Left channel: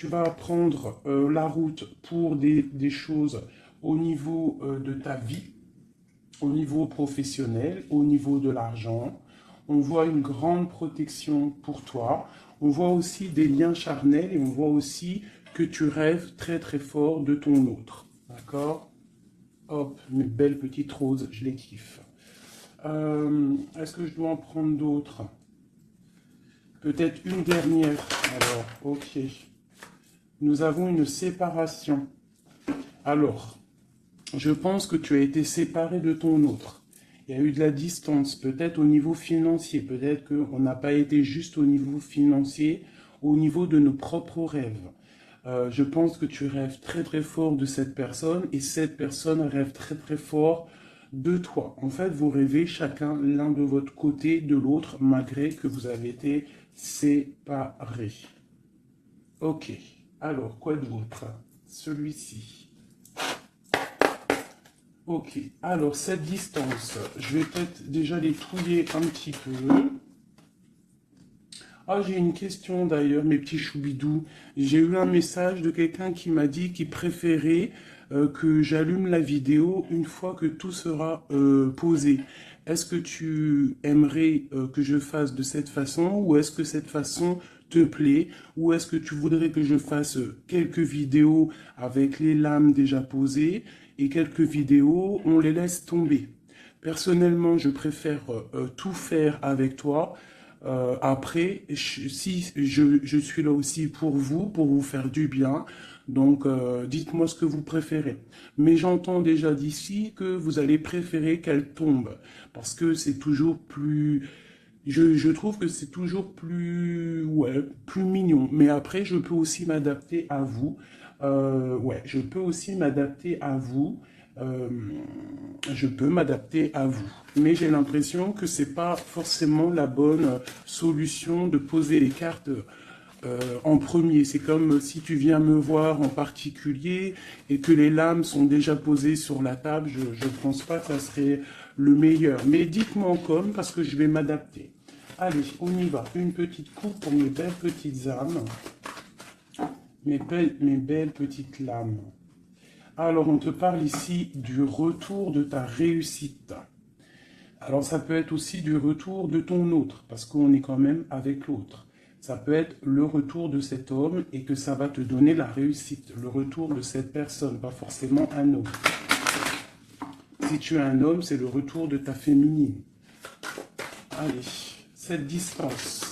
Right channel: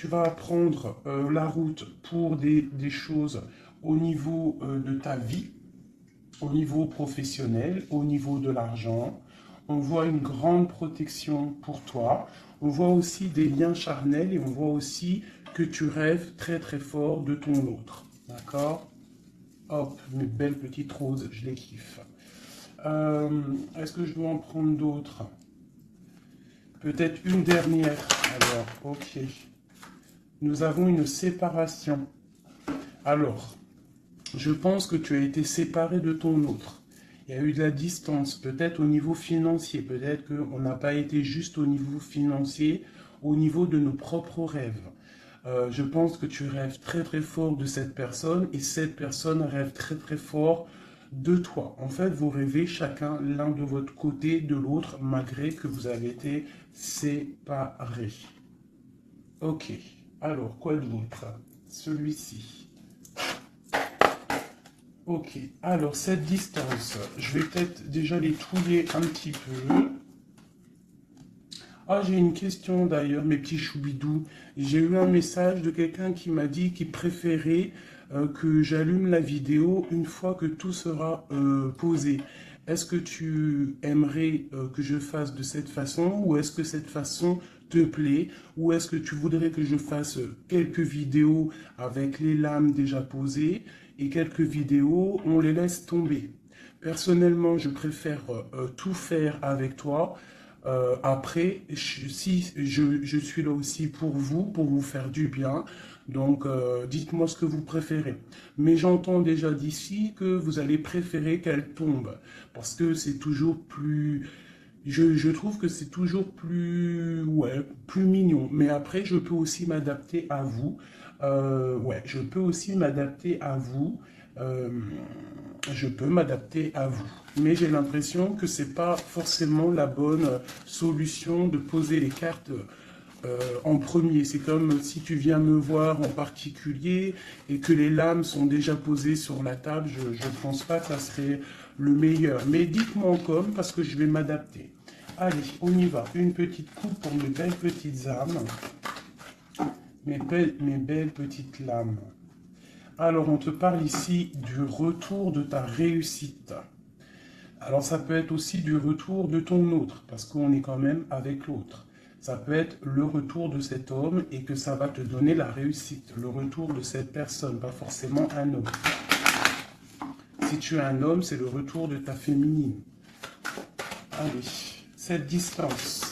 tu vas prendre la route pour des choses au niveau de ta vie, au niveau professionnel, au niveau de l'argent. On voit une grande protection pour toi. On voit aussi des liens charnels et on voit aussi que tu rêves très très fort de ton autre. D'accord? Hop, mes belles petites roses, je les kiffe. Est-ce que je dois en prendre d'autres? Peut-être une dernière. Alors, ok. Nous avons une séparation. Alors, je pense que tu as été séparé de ton autre. Il y a eu de la distance, peut-être au niveau financier. Peut-être qu'on n'a pas été juste au niveau financier, au niveau de nos propres rêves. Je pense que tu rêves très très fort de cette personne et cette personne rêve très très fort de toi. En fait, vous rêvez chacun l'un de votre côté de l'autre malgré que vous avez été séparés. Ok, alors quoi d'autre? Celui-ci. Ok, alors cette distance, je vais peut-être déjà les trouver un petit peu. Ah, j'ai une question d'ailleurs, mes petits choubidous. J'ai eu un message de quelqu'un qui m'a dit qu'il préférait que j'allume la vidéo une fois que tout sera posé. Est-ce que tu aimerais que je fasse de cette façon ou est-ce que cette façon te plaît ou est-ce que tu voudrais que je fasse quelques vidéos avec les lames déjà posées et quelques vidéos, on les laisse tomber. Personnellement, je préfère tout faire avec toi. Après, si je suis là aussi pour vous faire du bien. Donc, dites-moi ce que vous préférez. Mais j'entends déjà d'ici que vous allez préférer qu'elle tombe. Parce que c'est toujours plus... Je trouve que c'est toujours plus... Ouais, plus mignon. Mais après, je peux aussi m'adapter à vous. Ouais, je peux aussi m'adapter à vous. Euh, je peux m'adapter à vous. Mais j'ai l'impression que c'est pas forcément la bonne solution de poser les cartes en premier. C'est comme si tu viens me voir en particulier et que les lames sont déjà posées sur la table. Je ne pense pas que ça serait le meilleur. Mais dites-moi comme parce que je vais m'adapter. Allez, on y va. Une petite coupe pour mes belles petites âmes. Mes belles petites lames. Alors, on te parle ici du retour de ta réussite. Alors, ça peut être aussi du retour de ton autre, parce qu'on est quand même avec l'autre. Ça peut être le retour de cet homme et que ça va te donner la réussite. Le retour de cette personne, pas forcément un homme. Si tu es un homme, c'est le retour de ta féminine. Allez, cette distance.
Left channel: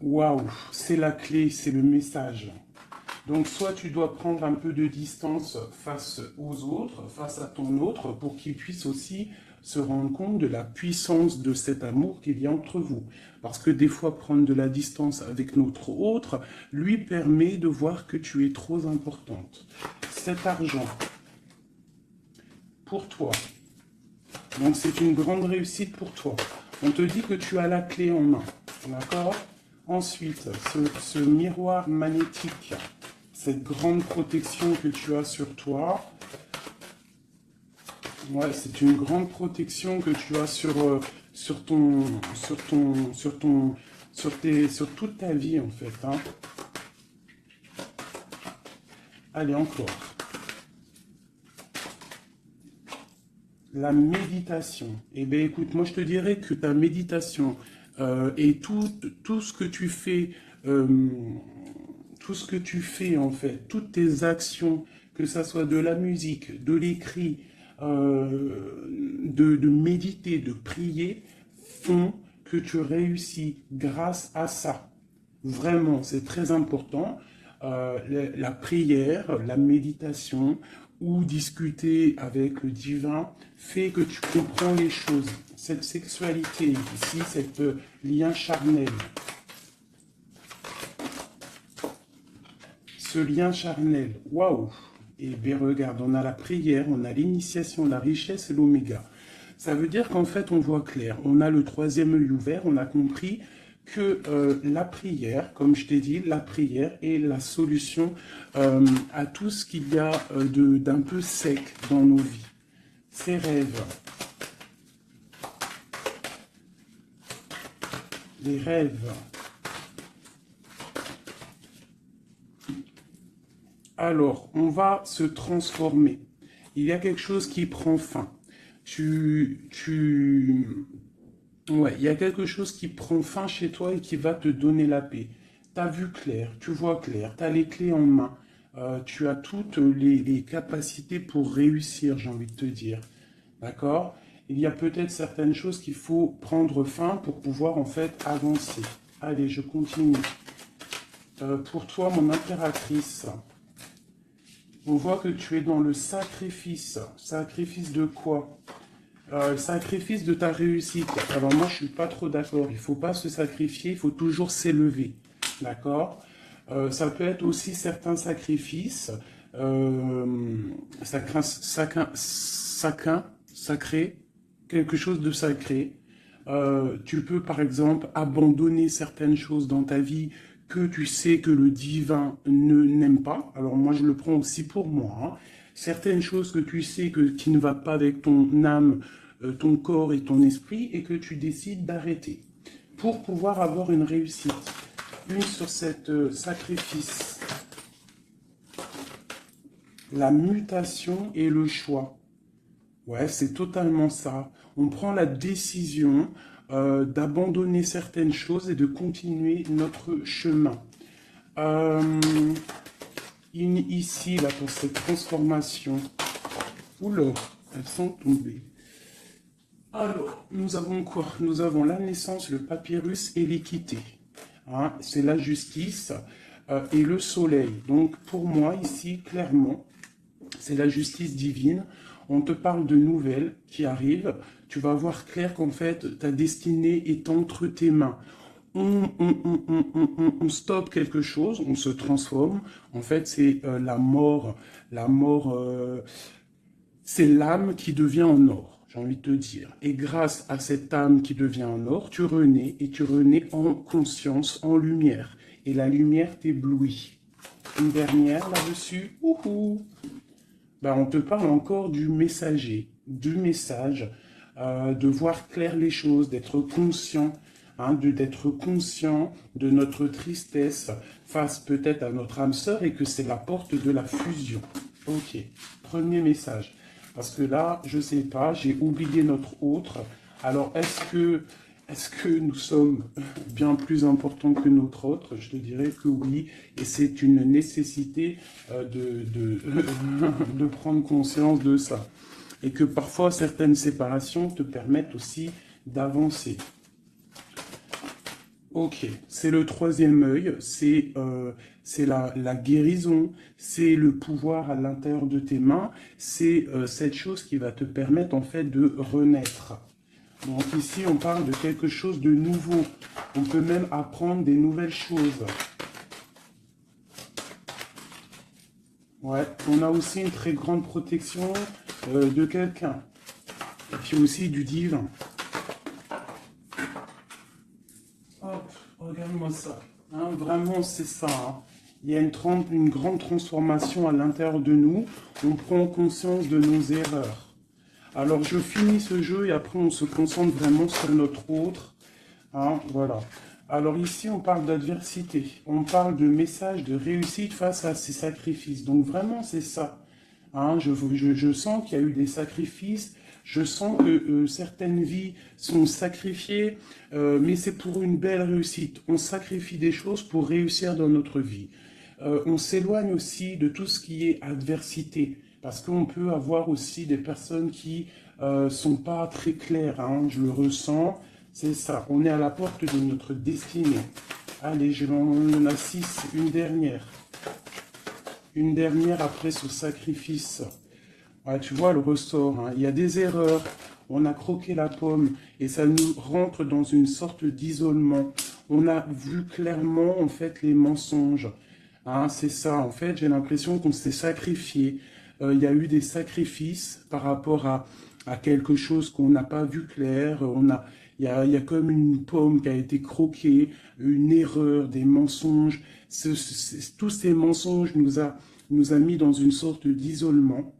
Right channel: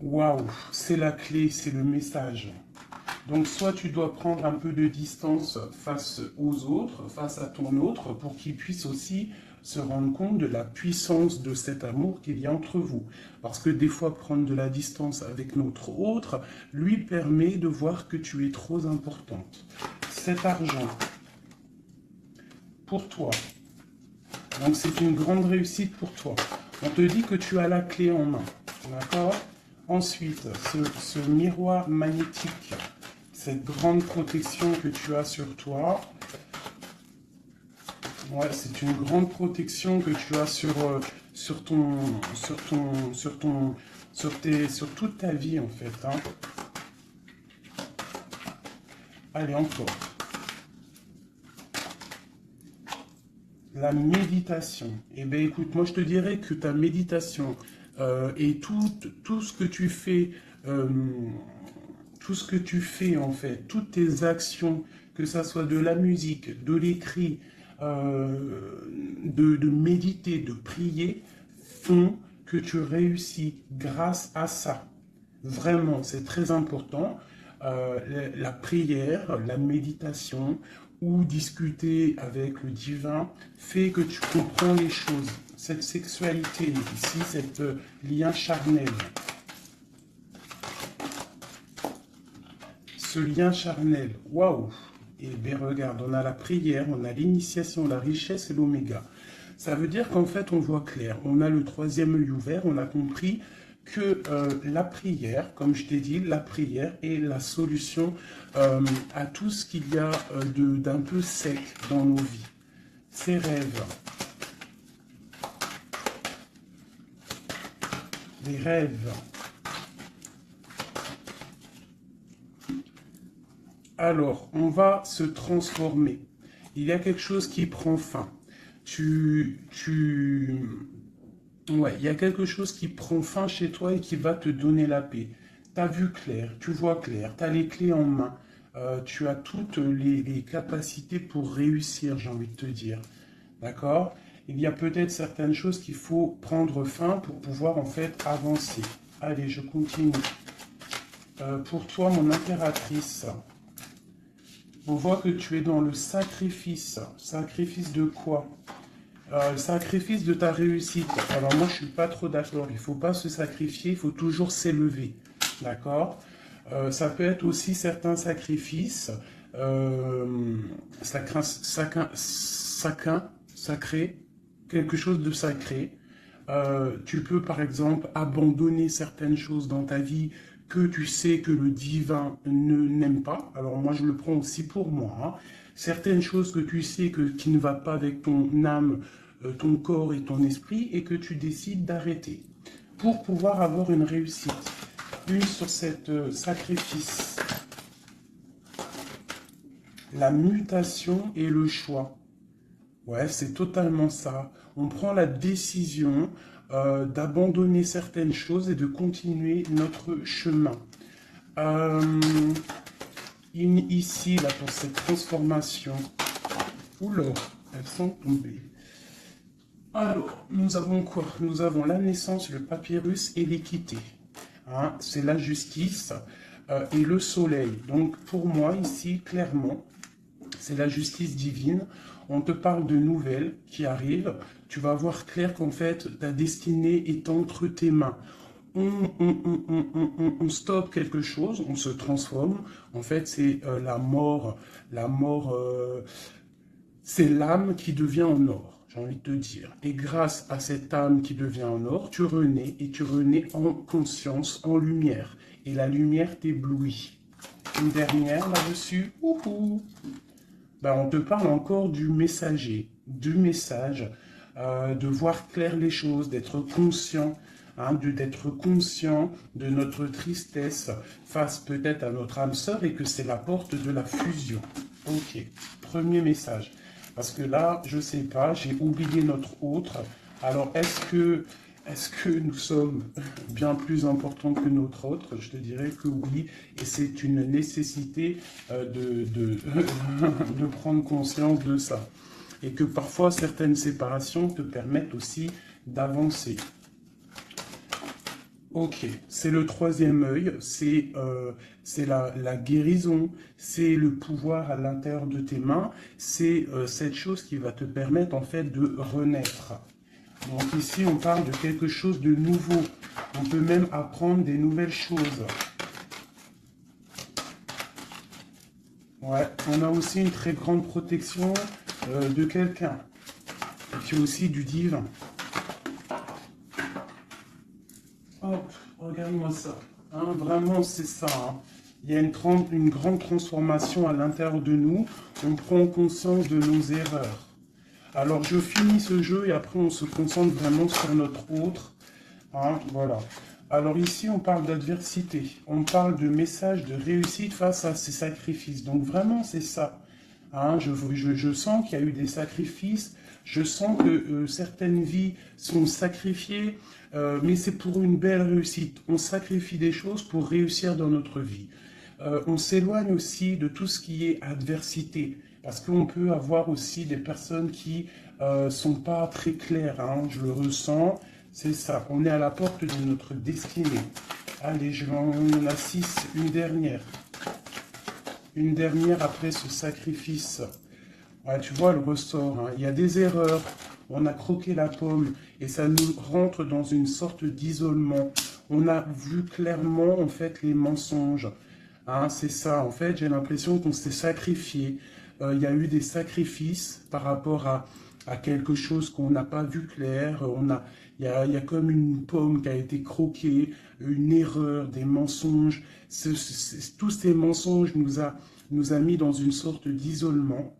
Waouh, c'est la clé, c'est le message. Donc, soit tu dois prendre un peu de distance face aux autres, face à ton autre, pour qu'il puisse aussi se rendre compte de la puissance de cet amour qu'il y a entre vous. Parce que des fois, prendre de la distance avec notre autre lui permet de voir que tu es trop importante. Cet argent, pour toi, donc c'est une grande réussite pour toi. On te dit que tu as la clé en main, d'accord? Ensuite, ce miroir magnétique, cette grande protection que tu as sur toi, ouais, c'est une grande protection que tu as sur toute ta vie en fait. Hein. Allez, encore. La méditation. Eh bien, écoute, moi je te dirais que ta méditation et tout ce que tu fais, tout ce que tu fais en fait, toutes tes actions, que ça soit de la musique, de l'écrit, de méditer, de prier, font que tu réussis grâce à ça. Vraiment, c'est très important. La prière, la méditation ou discuter avec le divin fait que tu comprends les choses. Cette sexualité ici, cet lien charnel. Ce lien charnel, waouh! Et bien regarde, on a la prière, on a l'initiation, la richesse et l'oméga. Ça veut dire qu'en fait, on voit clair. On a le troisième œil ouvert, on a compris que la prière, comme je t'ai dit, la prière est la solution à tout ce qu'il y a d'un peu sec dans nos vies. Ces rêves, les rêves, Alors, on va se transformer. Il y a quelque chose qui prend fin. Ouais, il y a quelque chose qui prend fin chez toi et qui va te donner la paix. Tu as vu clair, tu vois clair, tu as les clés en main. Tu as toutes les capacités pour réussir, j'ai envie de te dire. D'accord? Il y a peut-être certaines choses qu'il faut prendre fin pour pouvoir en fait avancer. Allez, je continue. Pour toi, mon impératrice, on voit que tu es dans le sacrifice. Sacrifice de quoi? Le sacrifice de ta réussite. Alors moi, je suis pas trop d'accord. Il faut pas se sacrifier, il faut toujours s'élever. D'accord? Ça peut être aussi certains sacrifices sacré, quelque chose de sacré. Tu peux par exemple abandonner certaines choses dans ta vie que tu sais que le divin n'aime pas. Alors moi je le prends aussi pour moi, hein. Certaines choses que tu sais qui ne va pas avec ton âme, ton corps et ton esprit et que tu décides d'arrêter pour pouvoir avoir une réussite. Une sur cette sacrifice, la mutation et le choix. Ouais, c'est totalement ça. On prend la décision d'abandonner certaines choses et de continuer notre chemin. Euh, Ici, là, pour cette transformation, oula, elles sont tombées. Alors, nous avons quoi? Nous avons la naissance, le papyrus et l'équité. Hein, c'est la justice et le soleil. Donc, pour moi, ici, clairement, c'est la justice divine. On te parle de nouvelles qui arrivent. Tu vas voir clair qu'en fait, ta destinée est entre tes mains. On stoppe quelque chose, on se transforme. En fait, c'est la mort. La mort, c'est l'âme qui devient en or, j'ai envie de te dire. Et grâce à cette âme qui devient en or, tu renais et tu renais en conscience, en lumière. Et la lumière t'éblouit. Une dernière là-dessus. Ben, on te parle encore du messager, du message, de voir clair les choses, d'être conscient, hein, d'être conscient de notre tristesse face peut-être à notre âme sœur et que c'est la porte de la fusion. Ok, premier message. Parce que là, je ne sais pas, j'ai oublié notre autre. Alors, est-ce que nous sommes bien plus importants que notre autre? Je te dirais que oui, et c'est une nécessité de prendre conscience de ça. Et que parfois, certaines séparations te permettent aussi d'avancer. Ok, c'est le troisième œil, c'est la guérison, c'est le pouvoir à l'intérieur de tes mains, c'est cette chose qui va te permettre en fait de renaître. Donc ici, on parle de quelque chose de nouveau. On peut même apprendre des nouvelles choses. Ouais, on a aussi une très grande protection de quelqu'un. Et puis aussi du divin. Hop, regarde-moi ça. Hein, vraiment, c'est ça. Hein. Il y a une grande transformation à l'intérieur de nous. On prend conscience de nos erreurs. Alors, je finis ce jeu et après, on se concentre vraiment sur notre autre. Hein, voilà. Alors ici, on parle d'adversité. On parle de message de réussite face à ces sacrifices. Donc, vraiment, c'est ça. Hein, je sens qu'il y a eu des sacrifices. Je sens que certaines vies sont sacrifiées, mais c'est pour une belle réussite. On sacrifie des choses pour réussir dans notre vie. On s'éloigne aussi de tout ce qui est adversité, parce qu'on peut avoir aussi des personnes qui sont pas très claires. Hein, je le ressens, c'est ça. On est à la porte de notre destinée. Allez, on a 6, une dernière. Une dernière après ce sacrifice. Ouais, tu vois le ressort, hein. Il y a des erreurs, on a croqué la pomme et ça nous rentre dans une sorte d'isolement. On a vu clairement en fait les mensonges. Hein, c'est ça, en fait j'ai l'impression qu'on s'est sacrifié. Il y a eu des sacrifices par rapport à quelque chose qu'on n'a pas vu clair. Il y a comme une pomme qui a été croquée, une erreur, des mensonges. Tous ces mensonges nous a mis dans une sorte d'isolement.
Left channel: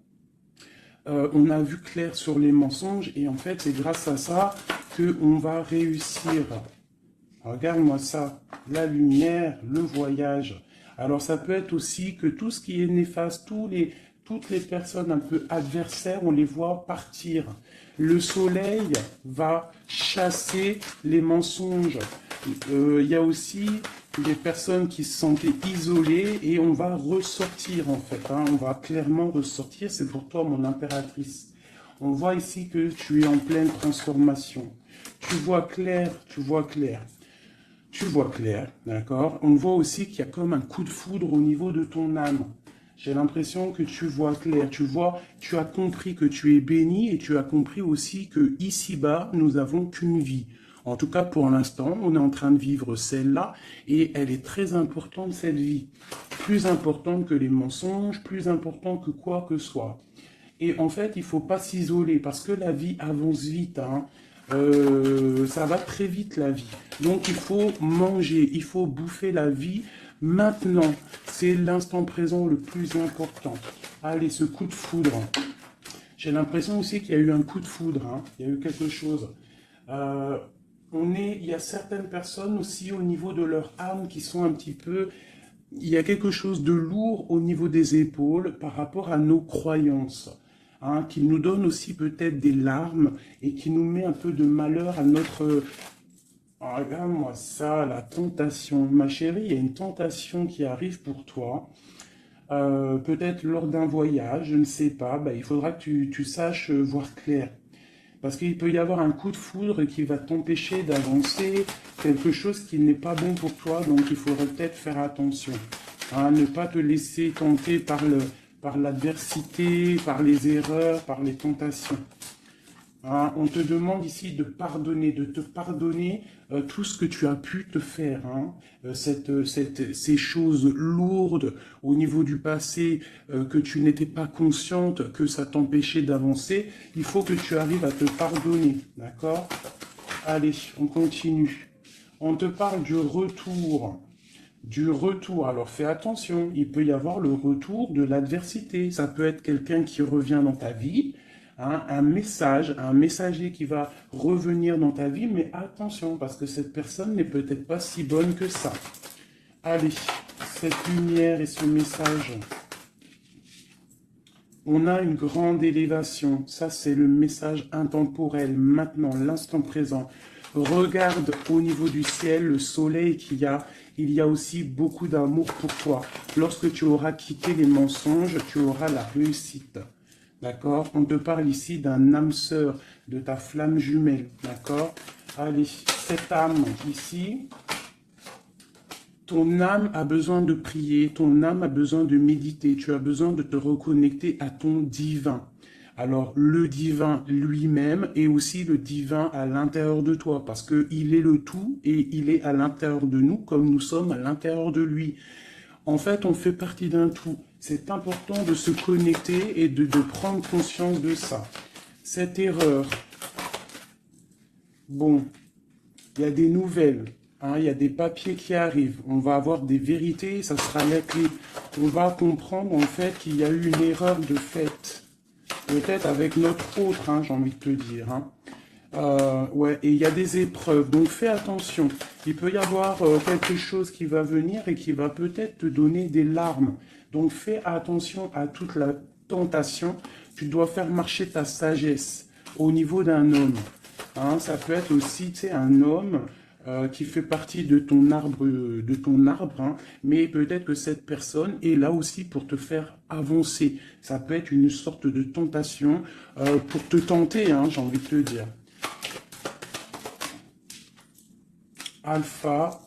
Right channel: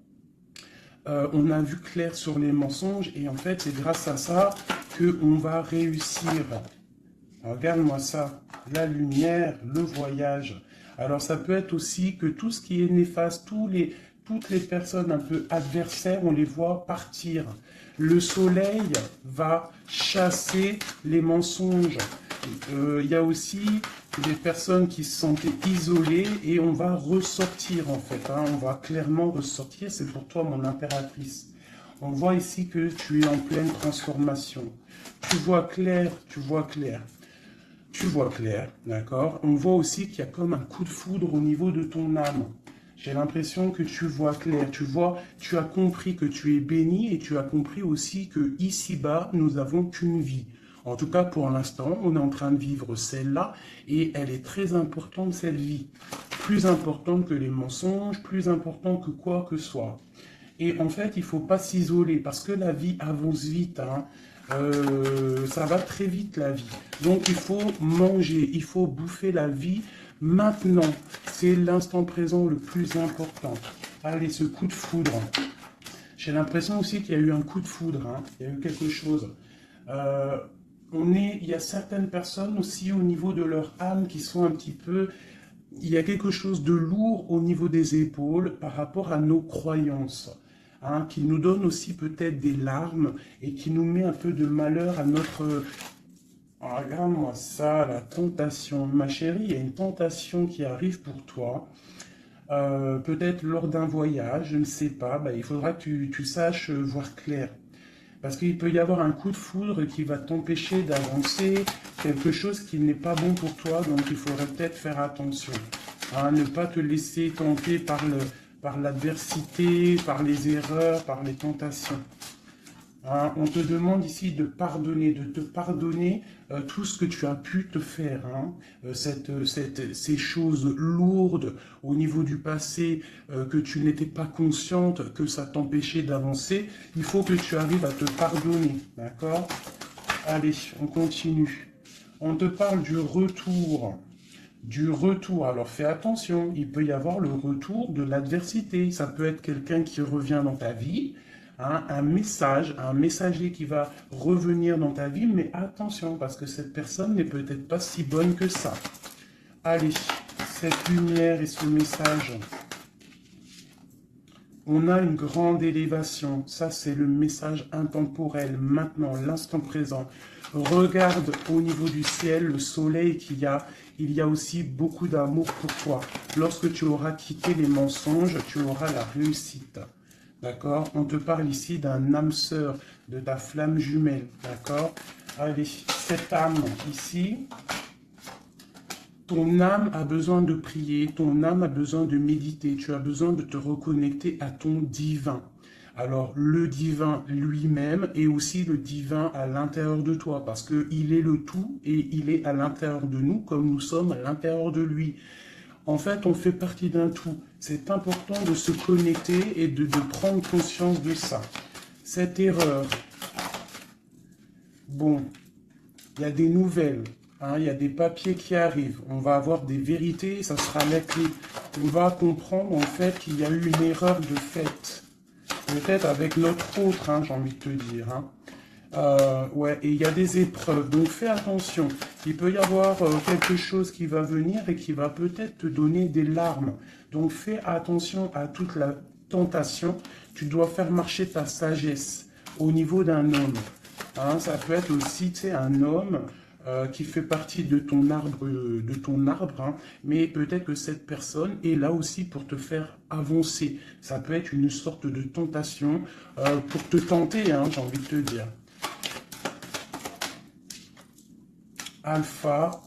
On a vu clair sur les mensonges et en fait c'est grâce à ça qu'on va réussir. Regarde-moi ça, la lumière, le voyage. Alors ça peut être aussi que tout ce qui est néfaste, toutes les personnes un peu adversaires, on les voit partir. Le soleil va chasser les mensonges. Il y a aussi des personnes qui se sentent isolées et on va ressortir en fait. Hein, on va clairement ressortir. C'est pour toi mon impératrice. On voit ici que tu es en pleine transformation. Tu vois clair, tu vois clair. Tu vois clair, d'accord? On voit aussi qu'il y a comme un coup de foudre au niveau de ton âme. J'ai l'impression que tu vois clair, tu as compris que tu es béni et tu as compris aussi que ici-bas, nous n'avons qu'une vie. En tout cas, pour l'instant, on est en train de vivre celle-là et elle est très importante, cette vie. Plus importante que les mensonges, plus importante que quoi que ce soit. Et en fait, il ne faut pas s'isoler parce que la vie avance vite. Hein. Ça va très vite la vie. Donc il faut manger, il faut bouffer la vie maintenant. C'est l'instant présent le plus important. Allez, ce coup de foudre. J'ai l'impression aussi qu'il y a eu un coup de foudre. Hein. Il y a eu quelque chose. Il y a certaines personnes aussi au niveau de leur âme qui sont un petit peu... Il y a quelque chose de lourd au niveau des épaules par rapport à nos croyances. Hein, qui nous donne aussi peut-être des larmes et qui nous met un peu de malheur à notre... Oh, regarde-moi ça, la tentation. Ma chérie, il y a une tentation qui arrive pour toi. Peut-être lors d'un voyage, je ne sais pas. Il faudra que tu saches voir clair. Parce qu'il peut y avoir un coup de foudre qui va t'empêcher d'avancer, quelque chose qui n'est pas bon pour toi, donc il faudrait peut-être faire attention. Hein, ne pas te laisser tenter par l'adversité, par les erreurs, par les tentations. Hein, on te demande ici de te pardonner tout ce que tu as pu te faire. Hein, ces choses lourdes au niveau du passé que tu n'étais pas consciente, que ça t'empêchait d'avancer. Il faut que tu arrives à te pardonner. D'accord? Allez, on continue. On te parle du retour. Du retour. Alors fais attention, il peut y avoir le retour de l'adversité. Ça peut être quelqu'un qui revient dans ta vie, hein, un messager qui va revenir dans ta vie, mais attention, parce que cette personne n'est peut-être pas si bonne que ça. Allez, cette lumière et ce message. On a une grande élévation. Ça, c'est le message intemporel. Maintenant, l'instant présent. Regarde au niveau du ciel, le soleil qu'il y a. Il y a aussi beaucoup d'amour pour toi. Lorsque tu auras quitté les mensonges, tu auras la réussite. D'accord? On te parle ici d'un âme sœur, de ta flamme jumelle. D'accord? Allez, cette âme ici, ton âme a besoin de prier, ton âme a besoin de méditer, tu as besoin de te reconnecter à ton divin. Alors, le divin lui-même et aussi le divin à l'intérieur de toi, parce qu'il est le tout et il est à l'intérieur de nous comme nous sommes à l'intérieur de lui. En fait, on fait partie d'un tout. C'est important de se connecter et de prendre conscience de ça. Cette erreur, bon, il y a des nouvelles. Hein, il y a des papiers qui arrivent, on va avoir des vérités, ça sera net. On va comprendre en fait qu'il y a eu une erreur de fait. Peut-être avec notre autre, hein, j'ai envie de te dire. Hein. Ouais, et il y a des épreuves, donc fais attention. Il peut y avoir quelque chose qui va venir et qui va peut-être te donner des larmes. Donc fais attention à toute la tentation. Tu dois faire marcher ta sagesse au niveau d'un homme. Hein, ça peut être aussi, tu sais, un homme qui fait partie de ton arbre, hein, mais peut-être que cette personne est là aussi pour te faire avancer. Ça peut être une sorte de tentation pour te tenter, hein, j'ai envie de te dire. Alpha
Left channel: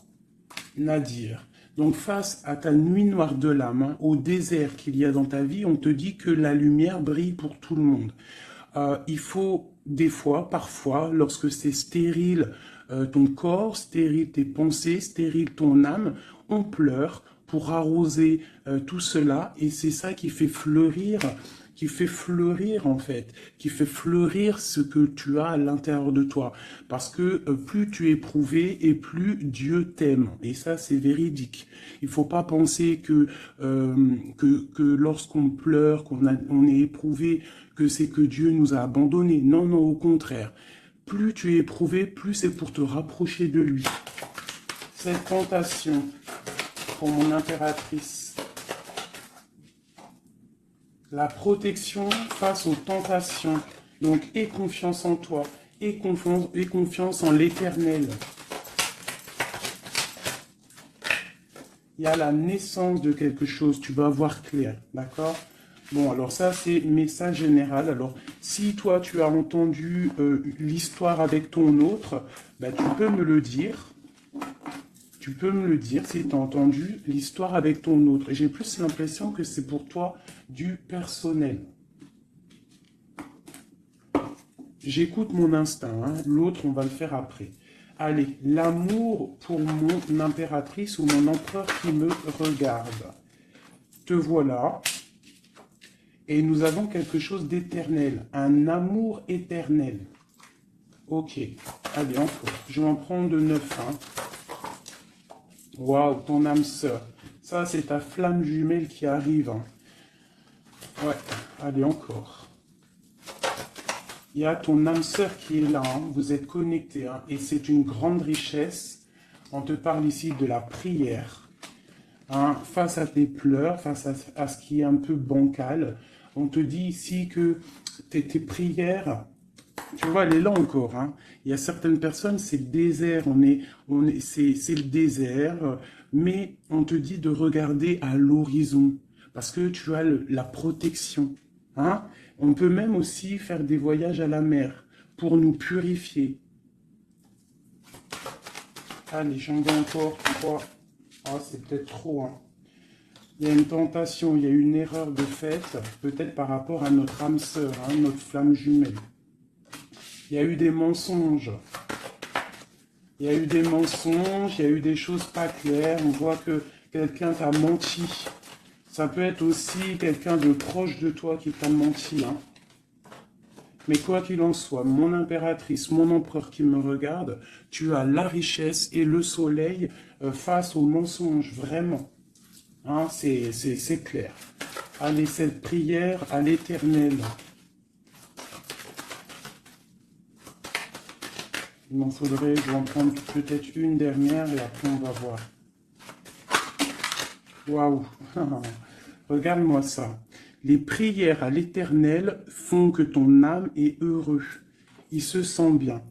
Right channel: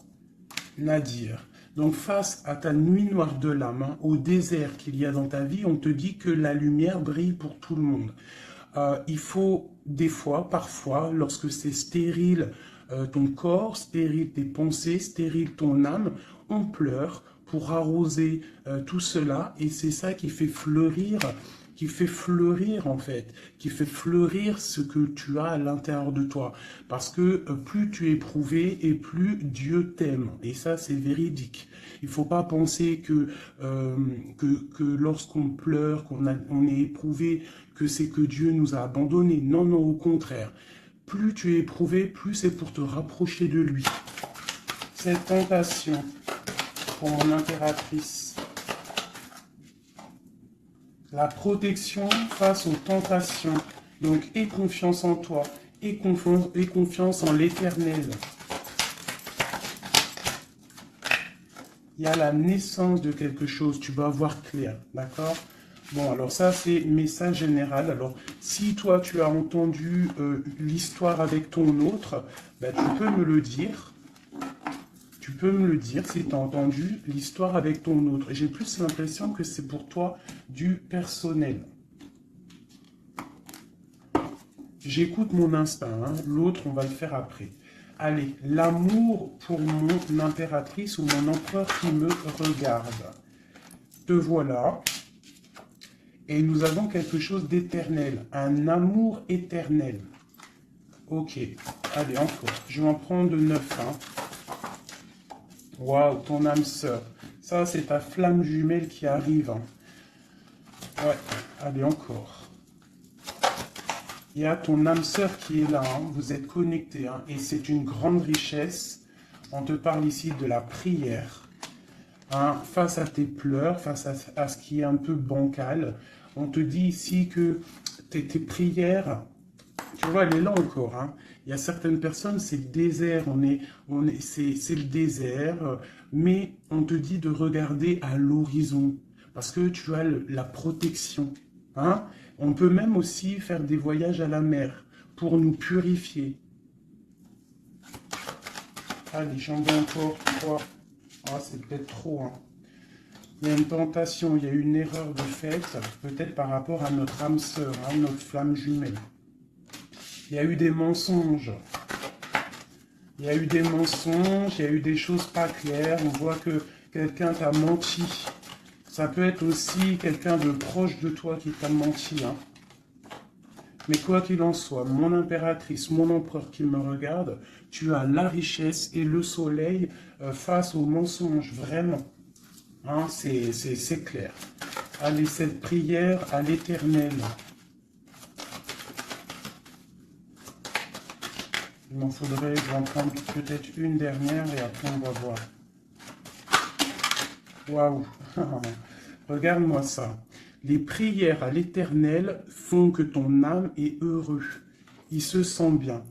Nadir. Donc face à ta nuit noire de l'âme, hein, au désert qu'il y a dans ta vie, on te dit que la lumière brille pour tout le monde. Il faut des fois, parfois, lorsque c'est stérile, ton corps, stérile tes pensées, stérile ton âme, on pleure pour arroser tout cela et c'est ça qui fait fleurir en fait, qui fait fleurir ce que tu as à l'intérieur de toi. Parce que plus tu es éprouvé et plus Dieu t'aime. Et ça, c'est véridique. Il ne faut pas penser que lorsqu'on pleure, on est éprouvé, que c'est que Dieu nous a abandonnés. Non, non, au contraire. Plus tu es éprouvé, plus c'est pour te rapprocher de lui. Cette tentation, pour mon impératrice. La protection face aux tentations. Donc, aie confiance en toi. Aie confiance en l'éternel. Il y a la naissance de quelque chose. Tu vas voir clair. D'accord? Bon, alors ça, c'est message général. Alors, si toi, tu as entendu l'histoire avec ton autre, ben, tu peux me le dire. Tu peux me le dire si tu as entendu l'histoire avec ton autre. J'ai plus l'impression que c'est pour toi du personnel. J'écoute mon instinct. Hein. L'autre, on va le faire après. Allez, l'amour pour mon impératrice ou mon empereur qui me regarde. Te voilà. Et nous avons quelque chose d'éternel, un amour éternel. Ok, allez, encore. Je vais en prendre 9. Hein. Waouh, ton âme sœur. Ça, c'est ta flamme jumelle qui arrive. Hein. Ouais, allez, encore. Il y a ton âme sœur qui est là. Hein. Vous êtes connectés. Hein. Et c'est une grande richesse. On te parle ici de la prière. Hein. Face à tes pleurs, face à ce qui est un peu bancal. On te dit ici que tes prières, tu vois, elle est là encore. Hein. Il y a certaines personnes, c'est le désert, c'est le désert, mais on te dit de regarder à l'horizon, parce que tu as la protection. Hein. On peut même aussi faire des voyages à la mer pour nous purifier. Allez, j'en vais encore 3. Ah, c'est peut-être trop, hein. Il y a une tentation, il y a une erreur de fait, peut-être par rapport à notre âme sœur, hein, notre flamme jumelle. Il y a eu des mensonges. Il y a eu des mensonges, il y a eu des choses pas claires. On voit que quelqu'un t'a menti. Ça peut être aussi quelqu'un de proche de toi qui t'a menti. Hein. Mais quoi qu'il en soit, mon impératrice, mon empereur qui me regarde, tu as la richesse et le soleil face aux mensonges, vraiment. Hein, c'est clair. Allez, cette prière à l'Éternel. Il m'en faudrait, je vais en prendre peut-être une dernière et après on va voir. Waouh. Regarde-moi ça. Les prières à l'Éternel font que ton âme est heureux. Il se sent bien.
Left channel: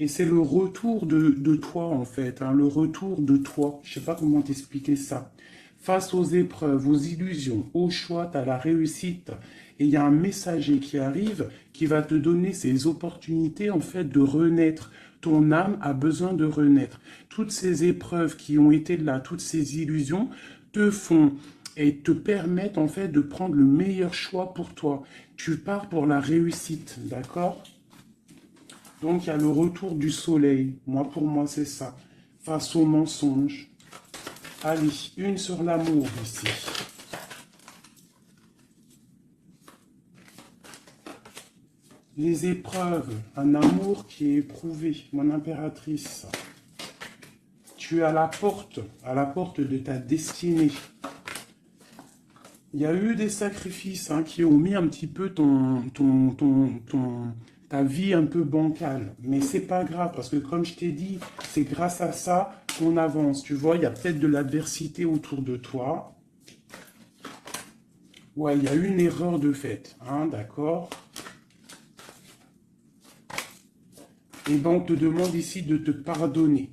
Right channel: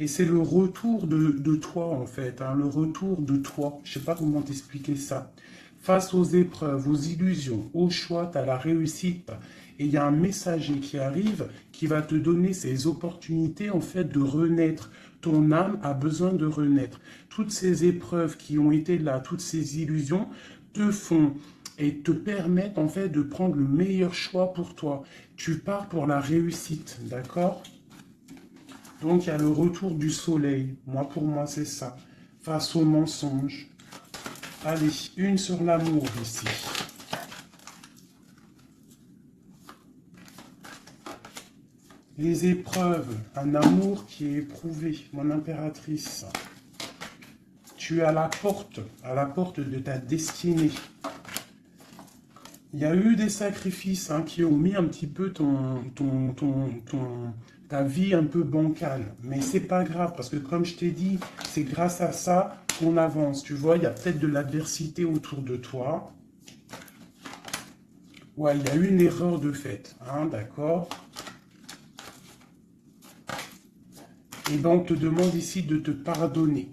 Et c'est le retour de toi, en fait. Hein, le retour de toi. Je ne sais pas comment t'expliquer ça. Face aux épreuves, aux illusions, au choix, à la réussite. Et il y a un messager qui arrive qui va te donner ces opportunités, en fait, de renaître. Ton âme a besoin de renaître. Toutes ces épreuves qui ont été là, toutes ces illusions, te font et te permettent, en fait, de prendre le meilleur choix pour toi. Tu pars pour la réussite, d'accord ? Donc, il y a le retour du soleil. Moi, pour moi, c'est ça. Face aux mensonges. Allez, une sur l'amour ici. Les épreuves, un amour qui est éprouvé, mon impératrice. Tu es à la porte de ta destinée. Il y a eu des sacrifices hein, qui ont mis un petit peu ta vie un peu bancale. Mais c'est pas grave, parce que comme je t'ai dit, c'est grâce à ça qu'on avance. Tu vois, il y a peut-être de l'adversité autour de toi. Ouais, il y a eu une erreur de fait, hein, d'accord. Et donc, on te demande ici de te pardonner.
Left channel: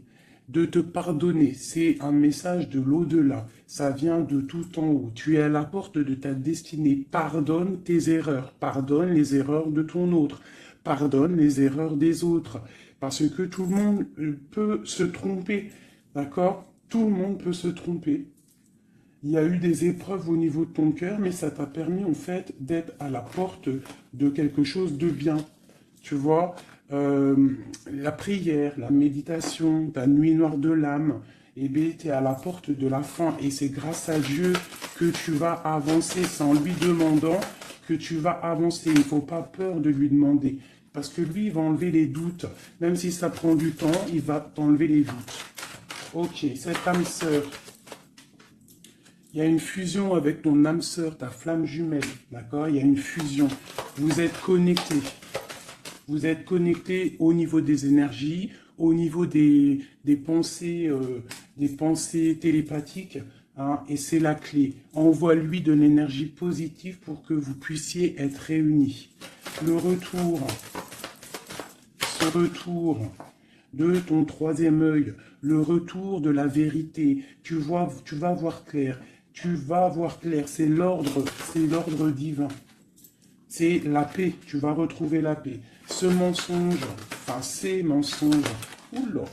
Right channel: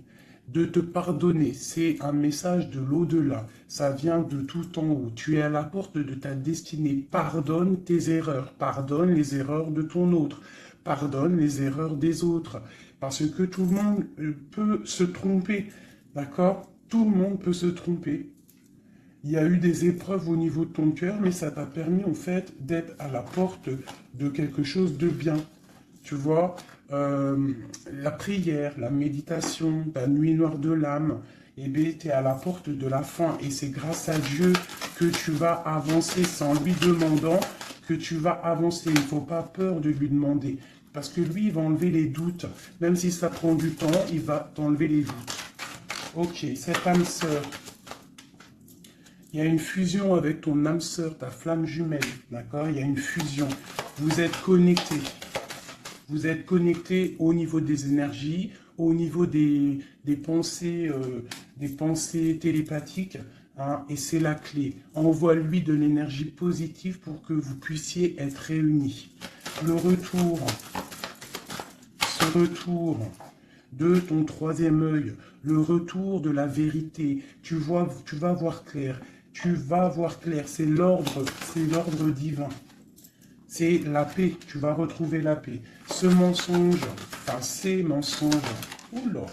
De te pardonner, c'est un message de l'au-delà. Ça vient de tout en haut. Tu es à la porte de ta destinée. Pardonne tes erreurs. Pardonne les erreurs de ton autre. Pardonne les erreurs des autres. Parce que tout le monde peut se tromper. D'accord? Tout le monde peut se tromper. Il y a eu des épreuves au niveau de ton cœur, mais ça t'a permis en fait d'être à la porte de quelque chose de bien. Tu vois, la prière, la méditation, ta nuit noire de l'âme, eh bien, tu es à la porte de la fin. Et c'est grâce à Dieu que tu vas avancer. C'est en lui demandant que tu vas avancer. Il ne faut pas peur de lui demander. Parce que lui, il va enlever les doutes. Même si ça prend du temps, il va t'enlever les doutes. Ok, cette âme sœur. Il y a une fusion avec ton âme sœur, ta flamme jumelle. D'accord? Il y a une fusion. Vous êtes connectés. Vous êtes connectés au niveau des énergies, au niveau des pensées télépathiques. hein, et c'est la clé. Envoie-lui de l'énergie positive pour que vous puissiez être réunis. Le retour, ce retour de ton troisième œil, le retour de la vérité, tu vas voir clair, tu vas voir clair, c'est l'ordre divin, c'est la paix, tu vas retrouver la paix. Ce mensonge, enfin ces mensonges, oula,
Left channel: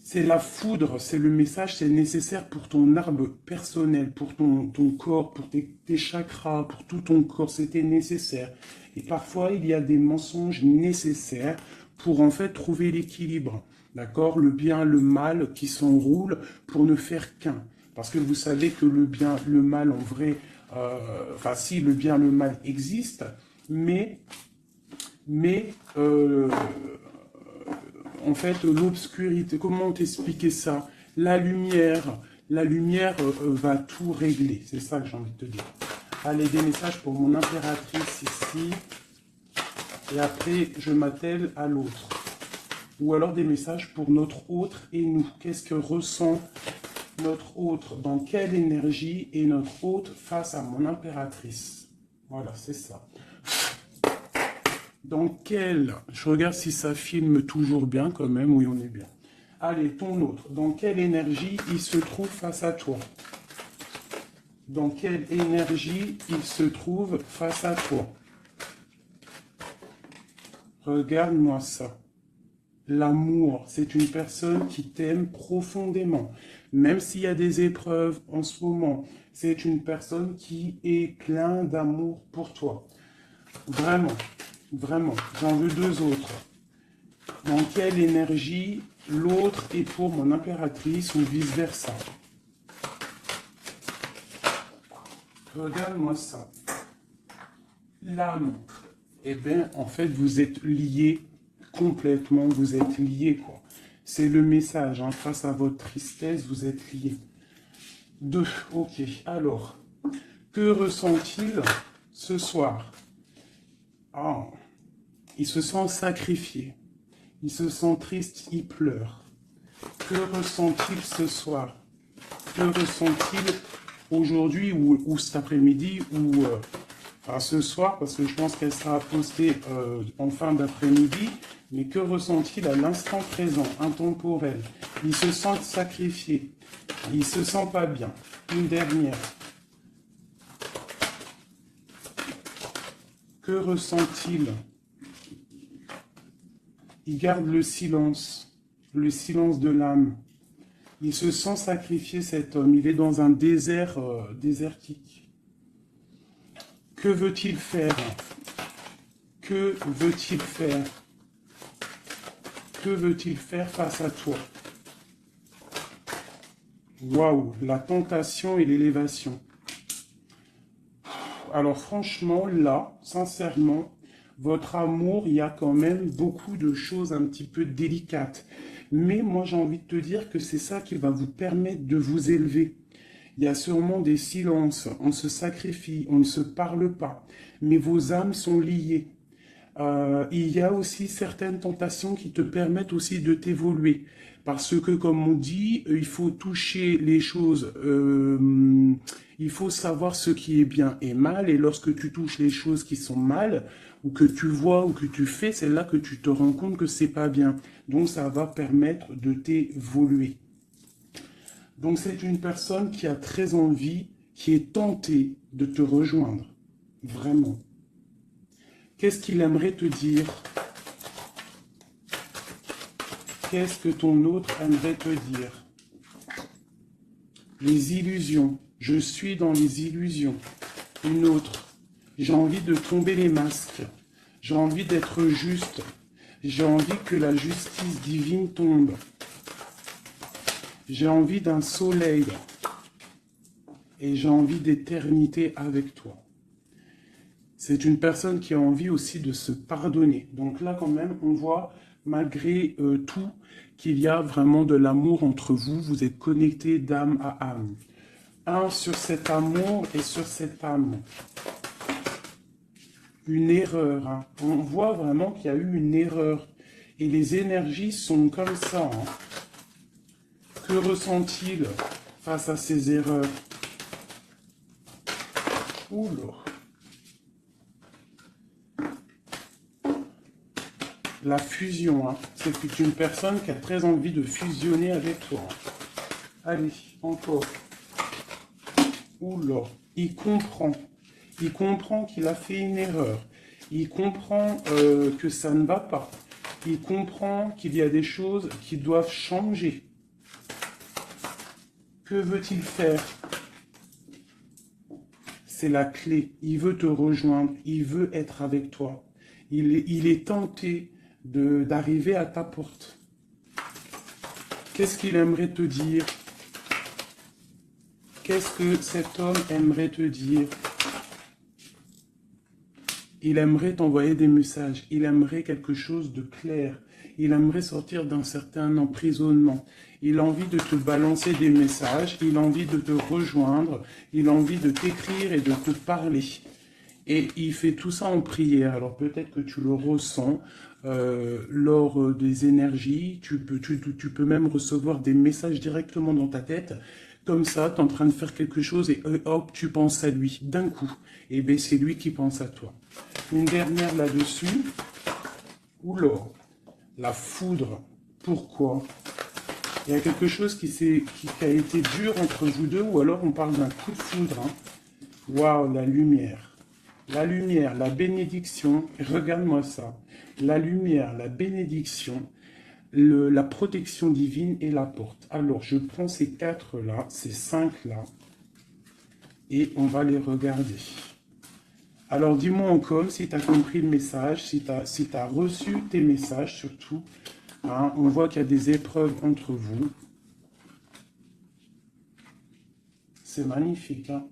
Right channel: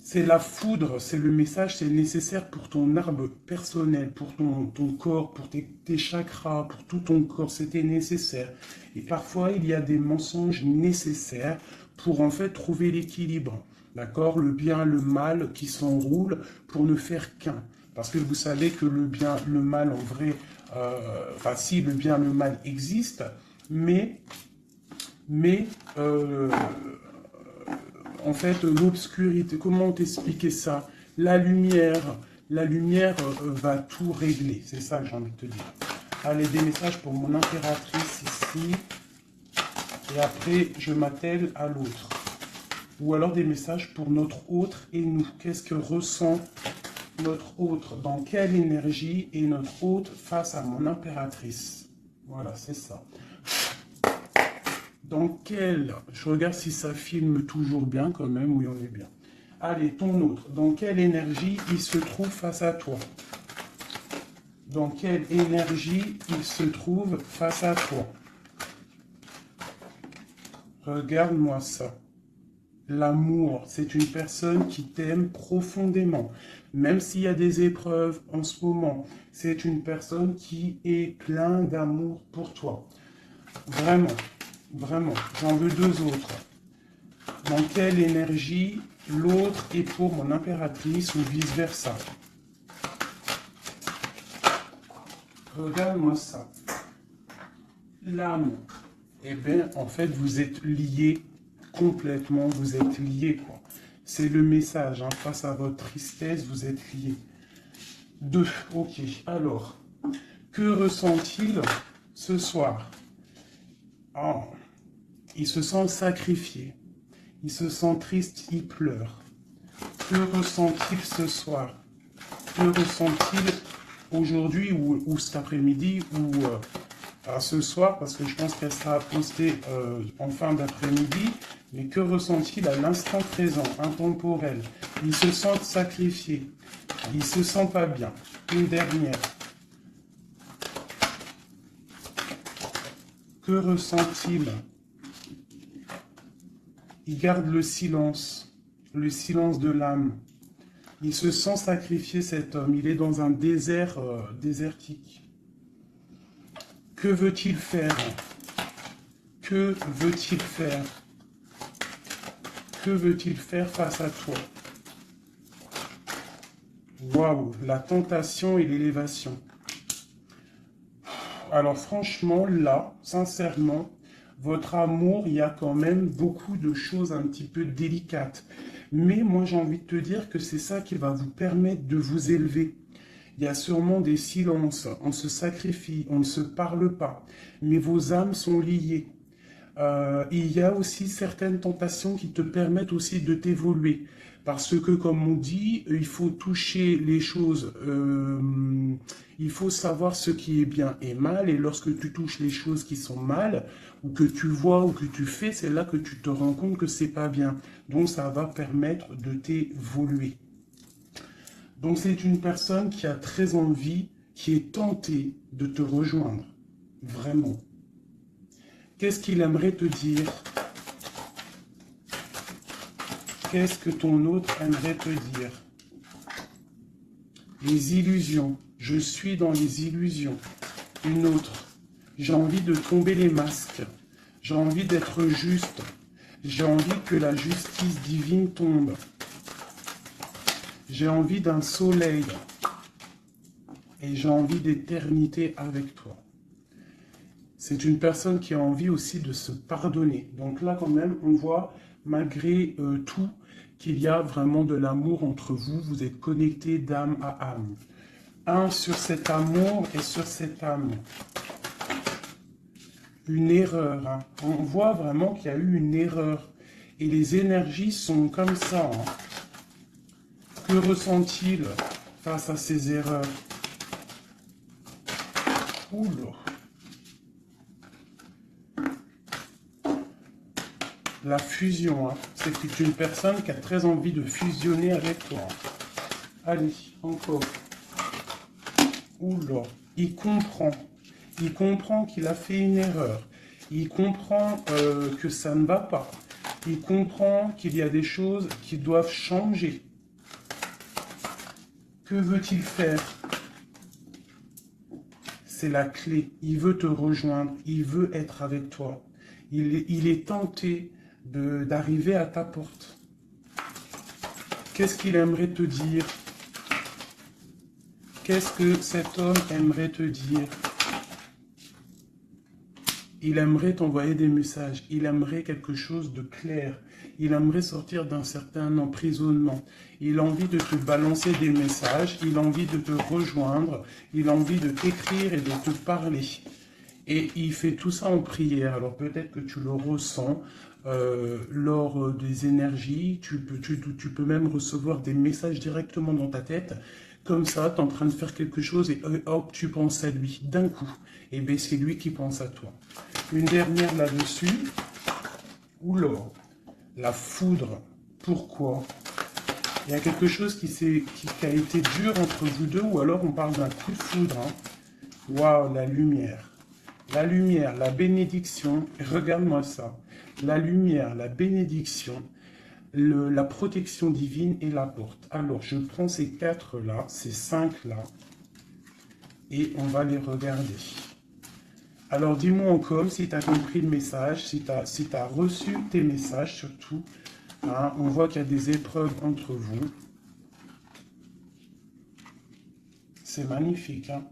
c'est la foudre, c'est le message, c'est nécessaire pour ton arbre personnel, pour ton corps, pour tes chakras, pour tout ton corps, c'était nécessaire. Et parfois, il y a des mensonges nécessaires pour en fait trouver l'équilibre, d'accord? Le bien, le mal qui s'enroule pour ne faire qu'un. Parce que vous savez que le bien, le mal en vrai, enfin si le bien, le mal existe, mais en fait, l'obscurité, comment t'expliquer ça? La lumière va tout régler, c'est ça que j'ai envie de te dire. Allez, des messages pour mon impératrice ici, et après, je m'attelle à l'autre. Ou alors des messages pour notre autre et nous. Qu'est-ce que ressent notre autre? Dans quelle énergie est notre autre face à mon impératrice? Voilà, c'est ça. Dans quel... Je regarde si ça filme toujours bien quand même. Oui, on est bien. Allez, ton autre. Dans quelle énergie il se trouve face à toi? Dans quelle énergie il se trouve face à toi? Regarde-moi ça. L'amour, c'est une personne qui t'aime profondément. Même s'il y a des épreuves en ce moment, c'est une personne qui est plein d'amour pour toi. Vraiment, vraiment. J'en veux deux autres. Dans quelle énergie l'autre est pour mon impératrice ou vice-versa? Regarde-moi ça. L'amour. Eh bien, en fait, vous êtes liés complètement, vous êtes liés, quoi. C'est le message, hein. Face à votre tristesse, vous êtes liés. 2, ok. Alors, que ressent-il ce soir? Oh, il se sent sacrifié. Il se sent triste, il pleure. Que ressent-il ce soir? Que ressent-il aujourd'hui ou cet après-midi ou ce soir, parce que je pense qu'elle sera postée en fin d'après-midi, mais que ressent-il à l'instant présent, intemporel? Il se sent sacrifié, il se sent pas bien. Une dernière. Que ressent-il? Il garde le silence de l'âme. Il se sent sacrifié, cet homme, il est dans un désert désertique. Que veut-il faire? Que veut-il faire? Que veut-il faire face à toi? Waouh, la tentation et l'élévation. Alors franchement, là, sincèrement, votre amour, il y a quand même beaucoup de choses un petit peu délicates. Mais moi, j'ai envie de te dire que c'est ça qui va vous permettre de vous élever. Il y a sûrement des silences, on se sacrifie, on ne se parle pas, mais vos âmes sont liées. Il y a aussi certaines tentations qui te permettent aussi de t'évoluer. Parce que, comme on dit, il faut toucher les choses, il faut savoir ce qui est bien et mal, et lorsque tu touches les choses qui sont mal, ou que tu vois, ou que tu fais, c'est là que tu te rends compte que c'est pas bien. Donc ça va permettre de t'évoluer. Donc c'est une personne qui a très envie, qui est tentée de te rejoindre. Vraiment. Qu'est-ce qu'il aimerait te dire? Qu'est-ce que ton autre aimerait te dire? Les illusions. Je suis dans les illusions. Une autre. J'ai envie de tomber les masques. J'ai envie d'être juste. J'ai envie que la justice divine tombe. J'ai envie d'un soleil et j'ai envie d'éternité avec toi. C'est une personne qui a envie aussi de se pardonner. Donc là, quand même, on voit, malgré tout, qu'il y a vraiment de l'amour entre vous. Vous êtes connectés d'âme à âme. Un sur cet amour et sur cette âme. Une erreur. Hein. On voit vraiment qu'il y a eu une erreur. Et les énergies sont comme ça. Hein. Que ressent-il face à ses erreurs. Oula. La fusion, hein. C'est une personne qui a très envie de fusionner avec toi. Allez, encore. Oula, il comprend. Il comprend qu'il a fait une erreur. Il comprend que ça ne va pas. Il comprend qu'il y a des choses qui doivent changer. Que veut-il faire? C'est la clé. Il veut te rejoindre. Il veut être avec toi. Il est tenté d'arriver à ta porte. Qu'est-ce qu'il aimerait te dire? Qu'est-ce que cet homme aimerait te dire? Il aimerait t'envoyer des messages. Il aimerait quelque chose de clair. Il aimerait sortir d'un certain emprisonnement. Il a envie de te balancer des messages. Il a envie de te rejoindre. Il a envie de t'écrire et de te parler. Et il fait tout ça en prière. Alors peut-être que tu le ressens lors des énergies. Tu peux même recevoir des messages directement dans ta tête. Comme ça, tu es en train de faire quelque chose et hop, tu penses à lui d'un coup. Et bien c'est lui qui pense à toi. Une dernière là-dessus. Oula, la foudre. Pourquoi? Il y a quelque chose qui a été dur entre vous deux, ou alors on parle d'un coup de foudre. Hein. Waouh, la lumière. La lumière, la bénédiction. Regarde-moi ça. La lumière, la bénédiction, la protection divine et la porte. Alors, je prends ces 4 là, ces 5 là, et on va les regarder. Alors, dis-moi encore si tu as compris le message, si tu as reçu tes messages surtout. Hein, on voit qu'il y a des épreuves entre vous. C'est magnifique. Hein?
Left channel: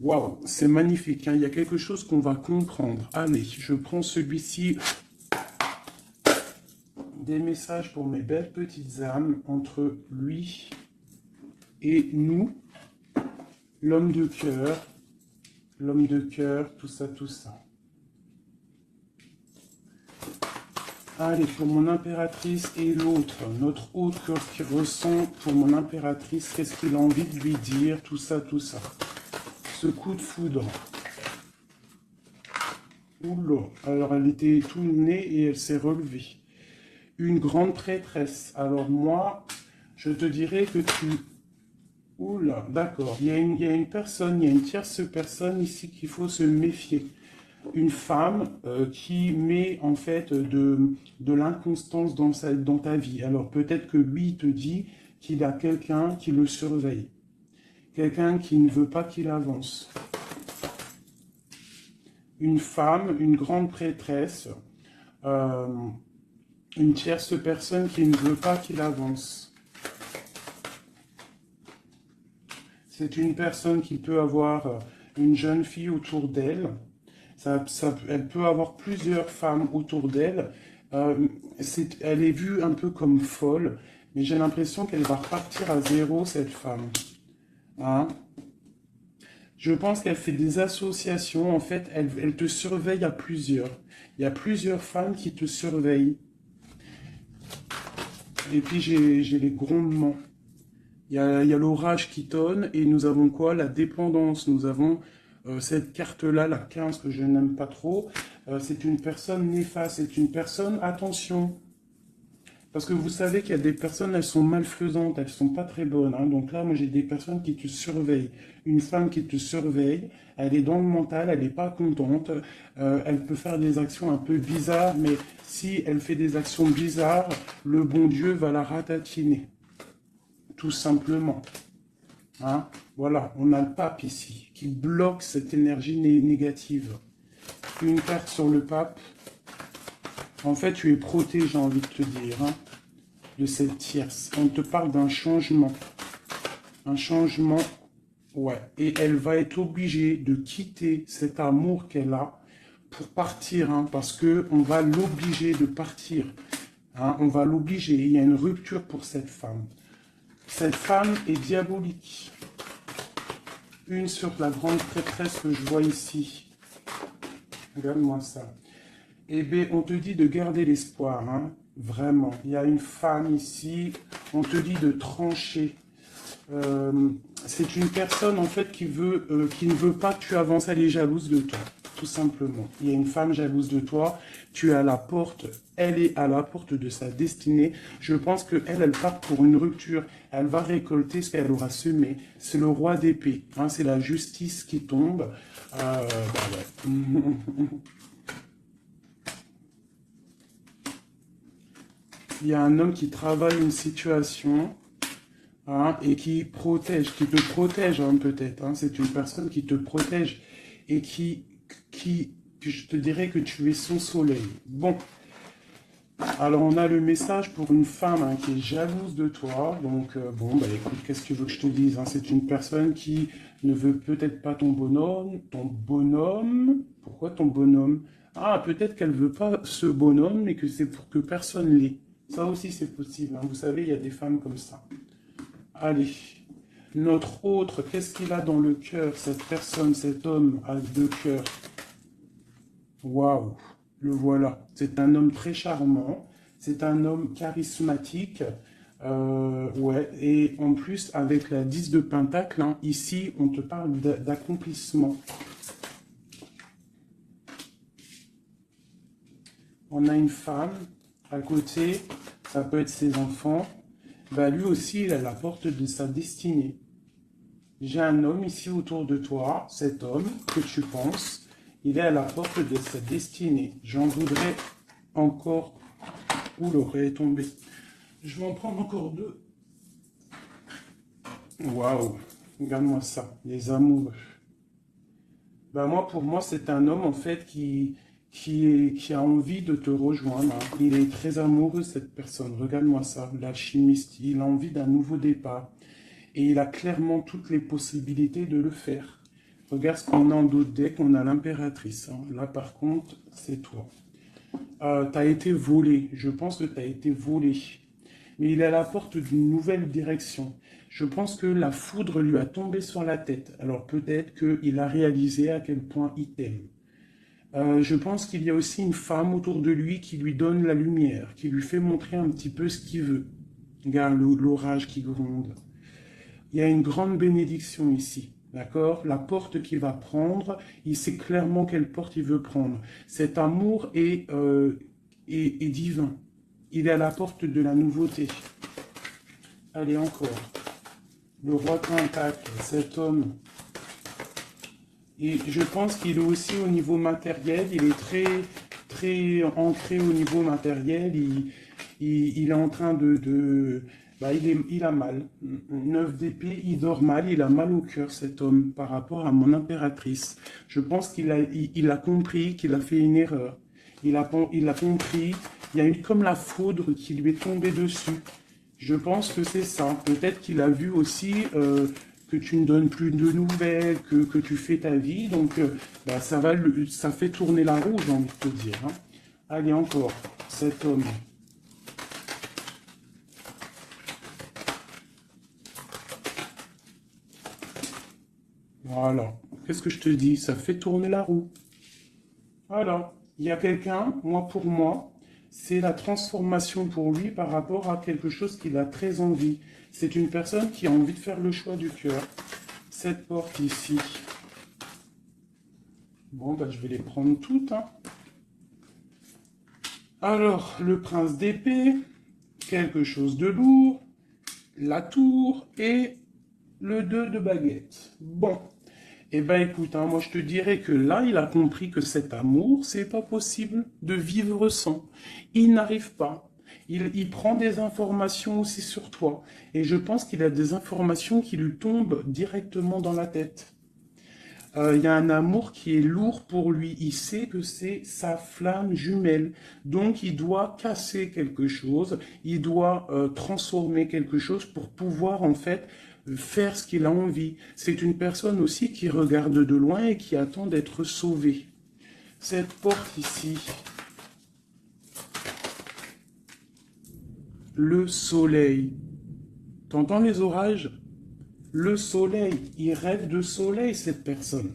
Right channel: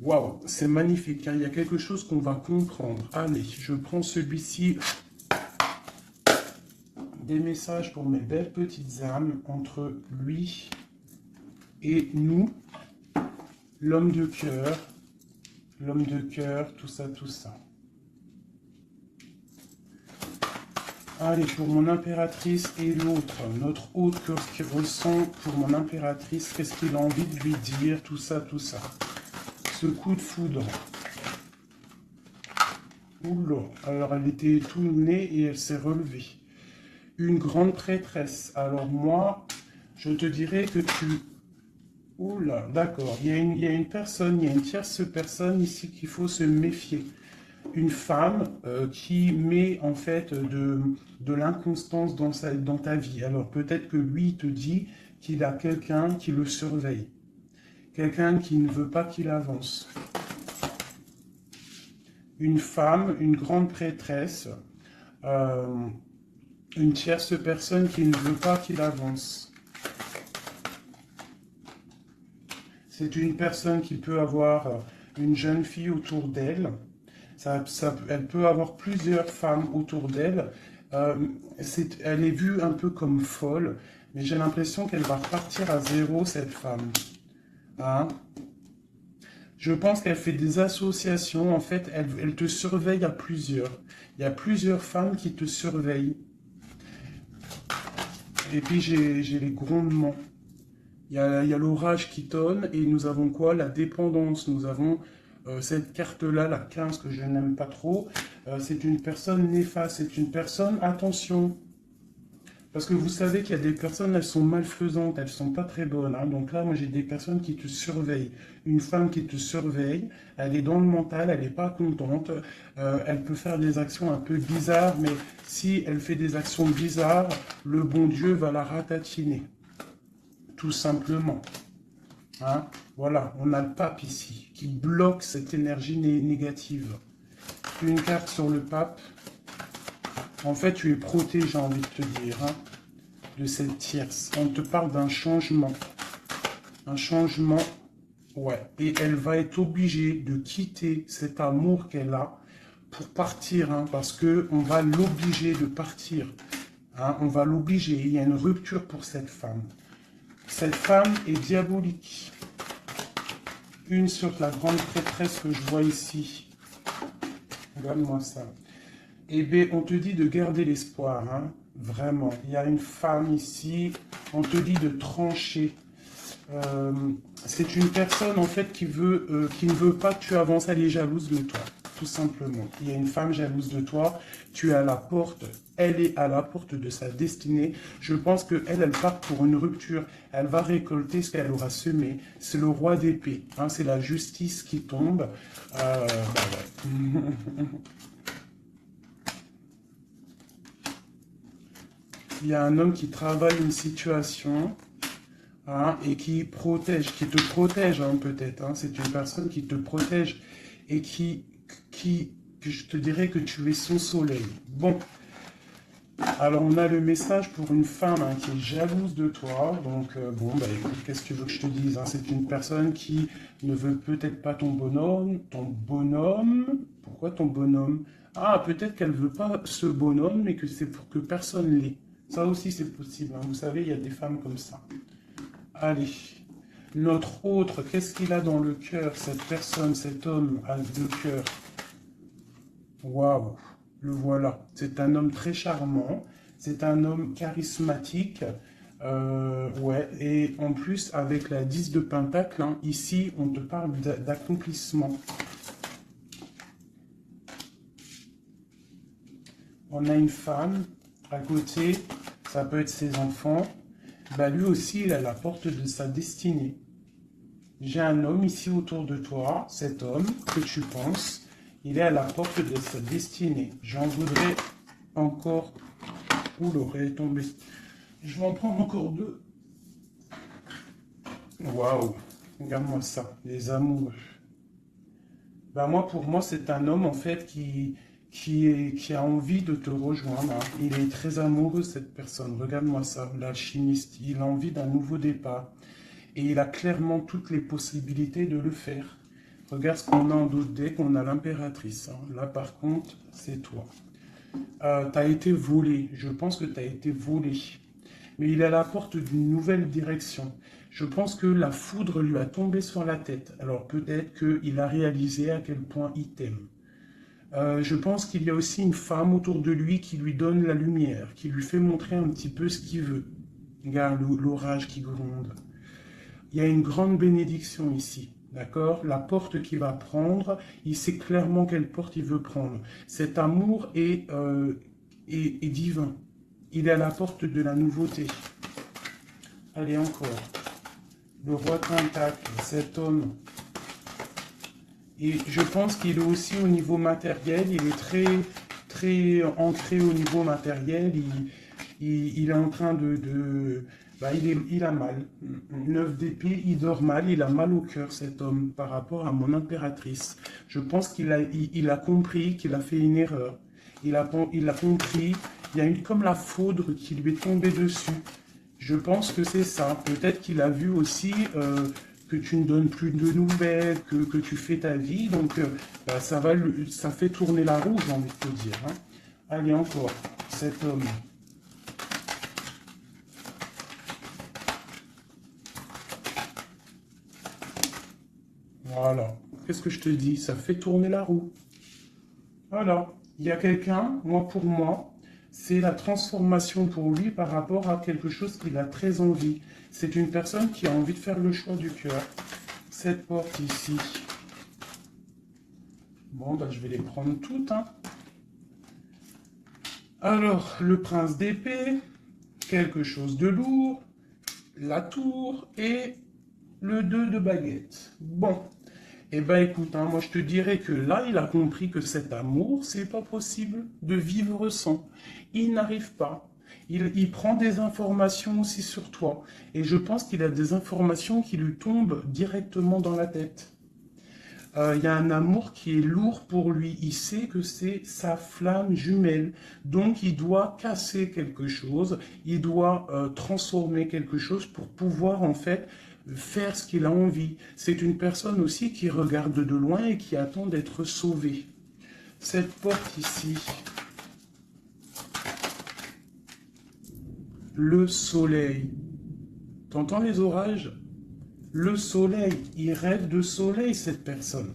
Waouh, c'est magnifique. Hein? Il y a quelque chose qu'on va comprendre. Allez, je prends celui-ci. Des messages pour mes belles petites âmes entre lui et nous. L'homme de cœur, tout ça, tout ça. Allez, pour mon impératrice et l'autre, notre autre qui ressent pour mon impératrice, qu'est-ce qu'il a envie de lui dire, tout ça, tout ça. Ce coup de foudre. Oula, alors elle était tout née et elle s'est relevée. Une grande prêtresse. Alors moi, je te dirais que tu... Oula, d'accord. Il y a une personne, il y a une tierce personne ici qu'il faut se méfier. Une femme qui met en fait de l'inconstance dans ta vie. Alors peut-être que lui te dit qu'il a quelqu'un qui le surveille. Quelqu'un qui ne veut pas qu'il avance. Une femme, une grande prêtresse, une tierce personne qui ne veut pas qu'il avance. C'est une personne qui peut avoir une jeune fille autour d'elle. Elle peut avoir plusieurs femmes autour d'elle. Elle est vue un peu comme folle, mais j'ai l'impression qu'elle va repartir à zéro, cette femme. Hein? Je pense qu'elle fait des associations. En fait, elle te surveille à plusieurs. Il y a plusieurs femmes qui te surveillent. Et puis, j'ai les grondements. Il y a l'orage qui tonne. Et nous avons quoi? La dépendance. Nous avons cette carte-là, la 15, que je n'aime pas trop. C'est une personne néfaste. C'est une personne, attention. Parce que vous savez qu'il y a des personnes, elles sont malfaisantes. Elles ne sont pas très bonnes. Hein. Donc là, moi, j'ai des personnes qui te surveillent. Une femme qui te surveille, elle est dans le mental, elle n'est pas contente. Elle peut faire des actions un peu bizarres, mais si elle fait des actions bizarres, le bon Dieu va la ratatiner. Tout simplement. Hein? Voilà, on a le pape ici, qui bloque cette énergie négative. Une carte sur le pape. En fait, tu es protégé, j'ai envie de te dire, hein, de cette tierce. On te parle d'un changement. Un changement, ouais. Et elle va être obligée de quitter cet amour qu'elle a pour partir, hein, parce qu'on va l'obliger de partir. Hein, on va l'obliger. Il y a une rupture pour cette femme. Cette femme est diabolique. Une sur la grande prêtresse que je vois ici. Regarde-moi ça. Eh bien, on te dit de garder l'espoir, hein, vraiment. Il y a une femme ici, on te dit de trancher. C'est une personne en fait qui ne veut pas que tu avances, elle est jalouse de toi, tout simplement. Il y a une femme jalouse de toi, tu es à la porte, elle est à la porte de sa destinée. Je pense que elle part pour une rupture, elle va récolter ce qu'elle aura semé. C'est le roi d'épée, hein, c'est la justice qui tombe. Bah ouais. Il y a un homme qui travaille une situation. Hein, et qui te protège hein, peut-être. Hein, c'est une personne qui te protège et que je te dirais que tu es son soleil. Bon, alors on a le message pour une femme hein, qui est jalouse de toi. Donc bon, bah écoute, qu'est-ce que tu veux que je te dise hein, c'est une personne qui ne veut peut-être pas ton bonhomme. Ton bonhomme. Pourquoi ton bonhomme? Ah, peut-être qu'elle ne veut pas ce bonhomme, mais que c'est pour que personne l'ait. Ça aussi c'est possible. Hein. Vous savez, il y a des femmes comme ça. Allez, notre autre, qu'est-ce qu'il a dans le cœur, cette personne, cet homme a deux cœurs. Waouh, le voilà. C'est un homme très charmant, c'est un homme charismatique. Ouais, et en plus, avec la 10 de Pentacle, hein, ici, on te parle d'accomplissement. On a une femme à côté, ça peut être ses enfants. Bah, lui aussi, il est à la porte de sa destinée. J'ai un homme ici autour de toi, cet homme que tu penses, il est à la porte de sa destinée. J'en voudrais encore... Où l'aurait tombé? Je vais en prendre encore deux. Waouh, regarde-moi ça, les amoureux. Bah moi, pour moi, c'est un homme en fait qui a envie de te rejoindre. Il est très amoureux, cette personne. Regarde-moi ça, l'alchimiste. Il a envie d'un nouveau départ. Et il a clairement toutes les possibilités de le faire. Regarde ce qu'on a en d'autres decks. On a l'impératrice. Hein. Là, par contre, c'est toi. Tu as été volé. Je pense que tu as été volé. Mais il est à la porte d'une nouvelle direction. Je pense que la foudre lui a tombé sur la tête. Alors peut-être qu'il a réalisé à quel point il t'aime. Je pense qu'il y a aussi une femme autour de lui qui lui donne la lumière, qui lui fait montrer un petit peu ce qu'il veut. Regarde l'orage qui gronde. Il y a une grande bénédiction ici, d'accord? La porte qu'il va prendre, il sait clairement quelle porte il veut prendre. Cet amour est divin. Il est à la porte de la nouveauté. Allez, encore. Le roi de Pentacle, cet homme. Et je pense qu'il est aussi au niveau matériel, il est très entré au niveau matériel. Il est en train bah, il a mal. 9 d'épée, il dort mal, il a mal au cœur, cet homme, par rapport à mon impératrice. Je pense qu'il a compris qu'il a fait une erreur. Il a compris, il y a eu comme la foudre qui lui est tombée dessus. Je pense que c'est ça. Peut-être qu'il a vu aussi que tu ne donnes plus de nouvelles, que tu fais ta vie. Donc, bah, ça fait tourner la roue, j'ai envie de te dire. Hein. Allez, encore, cet homme. Voilà. Qu'est-ce que je te dis? Ça fait tourner la roue. Voilà. Il y a quelqu'un, moi pour moi, c'est la transformation pour lui par rapport à quelque chose qu'il a très envie. C'est une personne qui a envie de faire le choix du cœur. Cette porte ici. Bon, ben, je vais les prendre toutes. Hein. Alors, le prince d'épée, quelque chose de lourd, la tour et le 2 de baguette. Bon. Eh ben écoute, hein, moi je te dirais que là, il a compris que cet amour, c'est pas possible de vivre sans. Il n'arrive pas. Il prend des informations aussi sur toi. Et je pense qu'il a des informations qui lui tombent directement dans la tête. Il y a un amour qui est lourd pour lui. Il sait que c'est sa flamme jumelle. Donc il doit casser quelque chose. Il doit transformer quelque chose pour pouvoir en fait faire ce qu'il a envie. C'est une personne aussi qui regarde de loin et qui attend d'être sauvée. Cette porte ici, le soleil. T'entends les orages? Le soleil, il rêve de soleil, cette personne.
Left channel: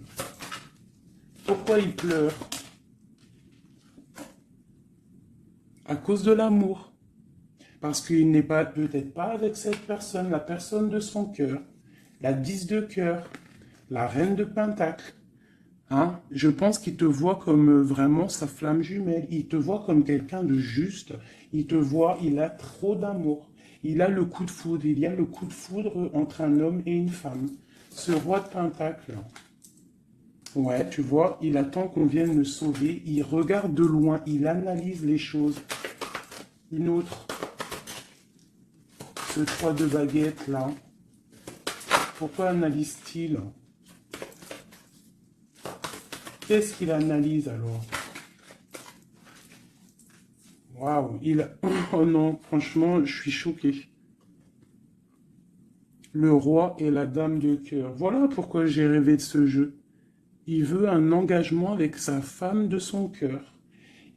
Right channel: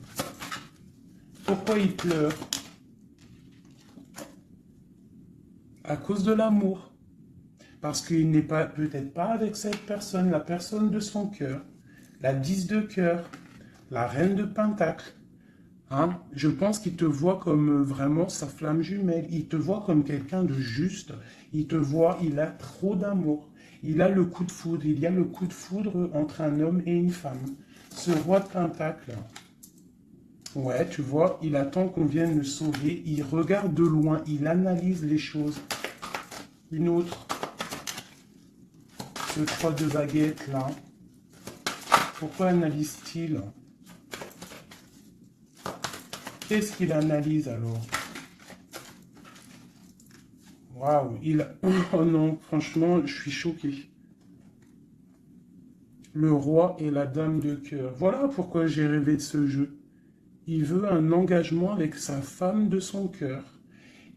Pourquoi il pleure? À cause de l'amour. parce qu'il n'est pas peut-être pas avec cette personne, la personne de son cœur, la 10 de cœur, la reine de pentacle. Hein? Je pense qu'il te voit comme vraiment sa flamme jumelle. Il te voit comme quelqu'un de juste. Il te voit, il a trop d'amour. Il a le coup de foudre. Il y a le coup de foudre entre un homme et une femme. Ce roi de pentacle. Ouais, tu vois, il attend qu'on vienne le sauver. Il regarde de loin. Il analyse les choses. Une autre. Ce 3 de baguette là. Pourquoi analyse-t-il? Qu'est-ce qu'il analyse alors? Waouh, oh non, franchement, je suis choqué. Le roi et la dame de cœur. Voilà pourquoi j'ai rêvé de ce jeu. Il veut un engagement avec sa femme de son cœur.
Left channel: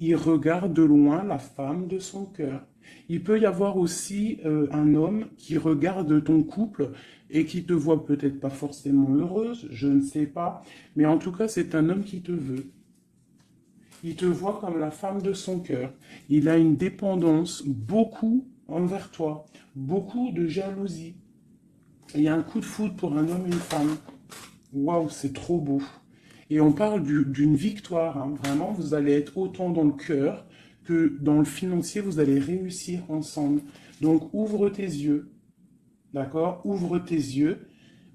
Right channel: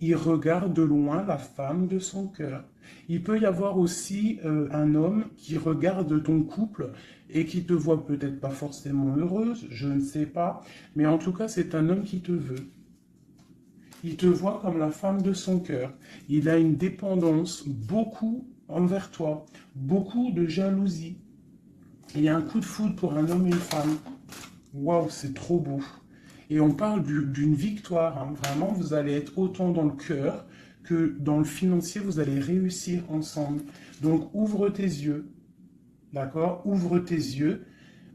Il regarde de loin la femme de son cœur. Il peut y avoir aussi un homme qui regarde ton couple et qui te voit peut-être pas forcément heureuse, je ne sais pas, mais en tout cas c'est un homme qui te veut. Il te voit comme la femme de son cœur. Il a une dépendance beaucoup envers toi, beaucoup de jalousie. Il y a un coup de foudre pour un homme et une femme. Waouh, c'est trop beau. Et on parle d'une victoire, hein. Vraiment, vous allez être autant dans le cœur que dans le financier, vous allez réussir ensemble. Donc, ouvre tes yeux, d'accord? Ouvre tes yeux,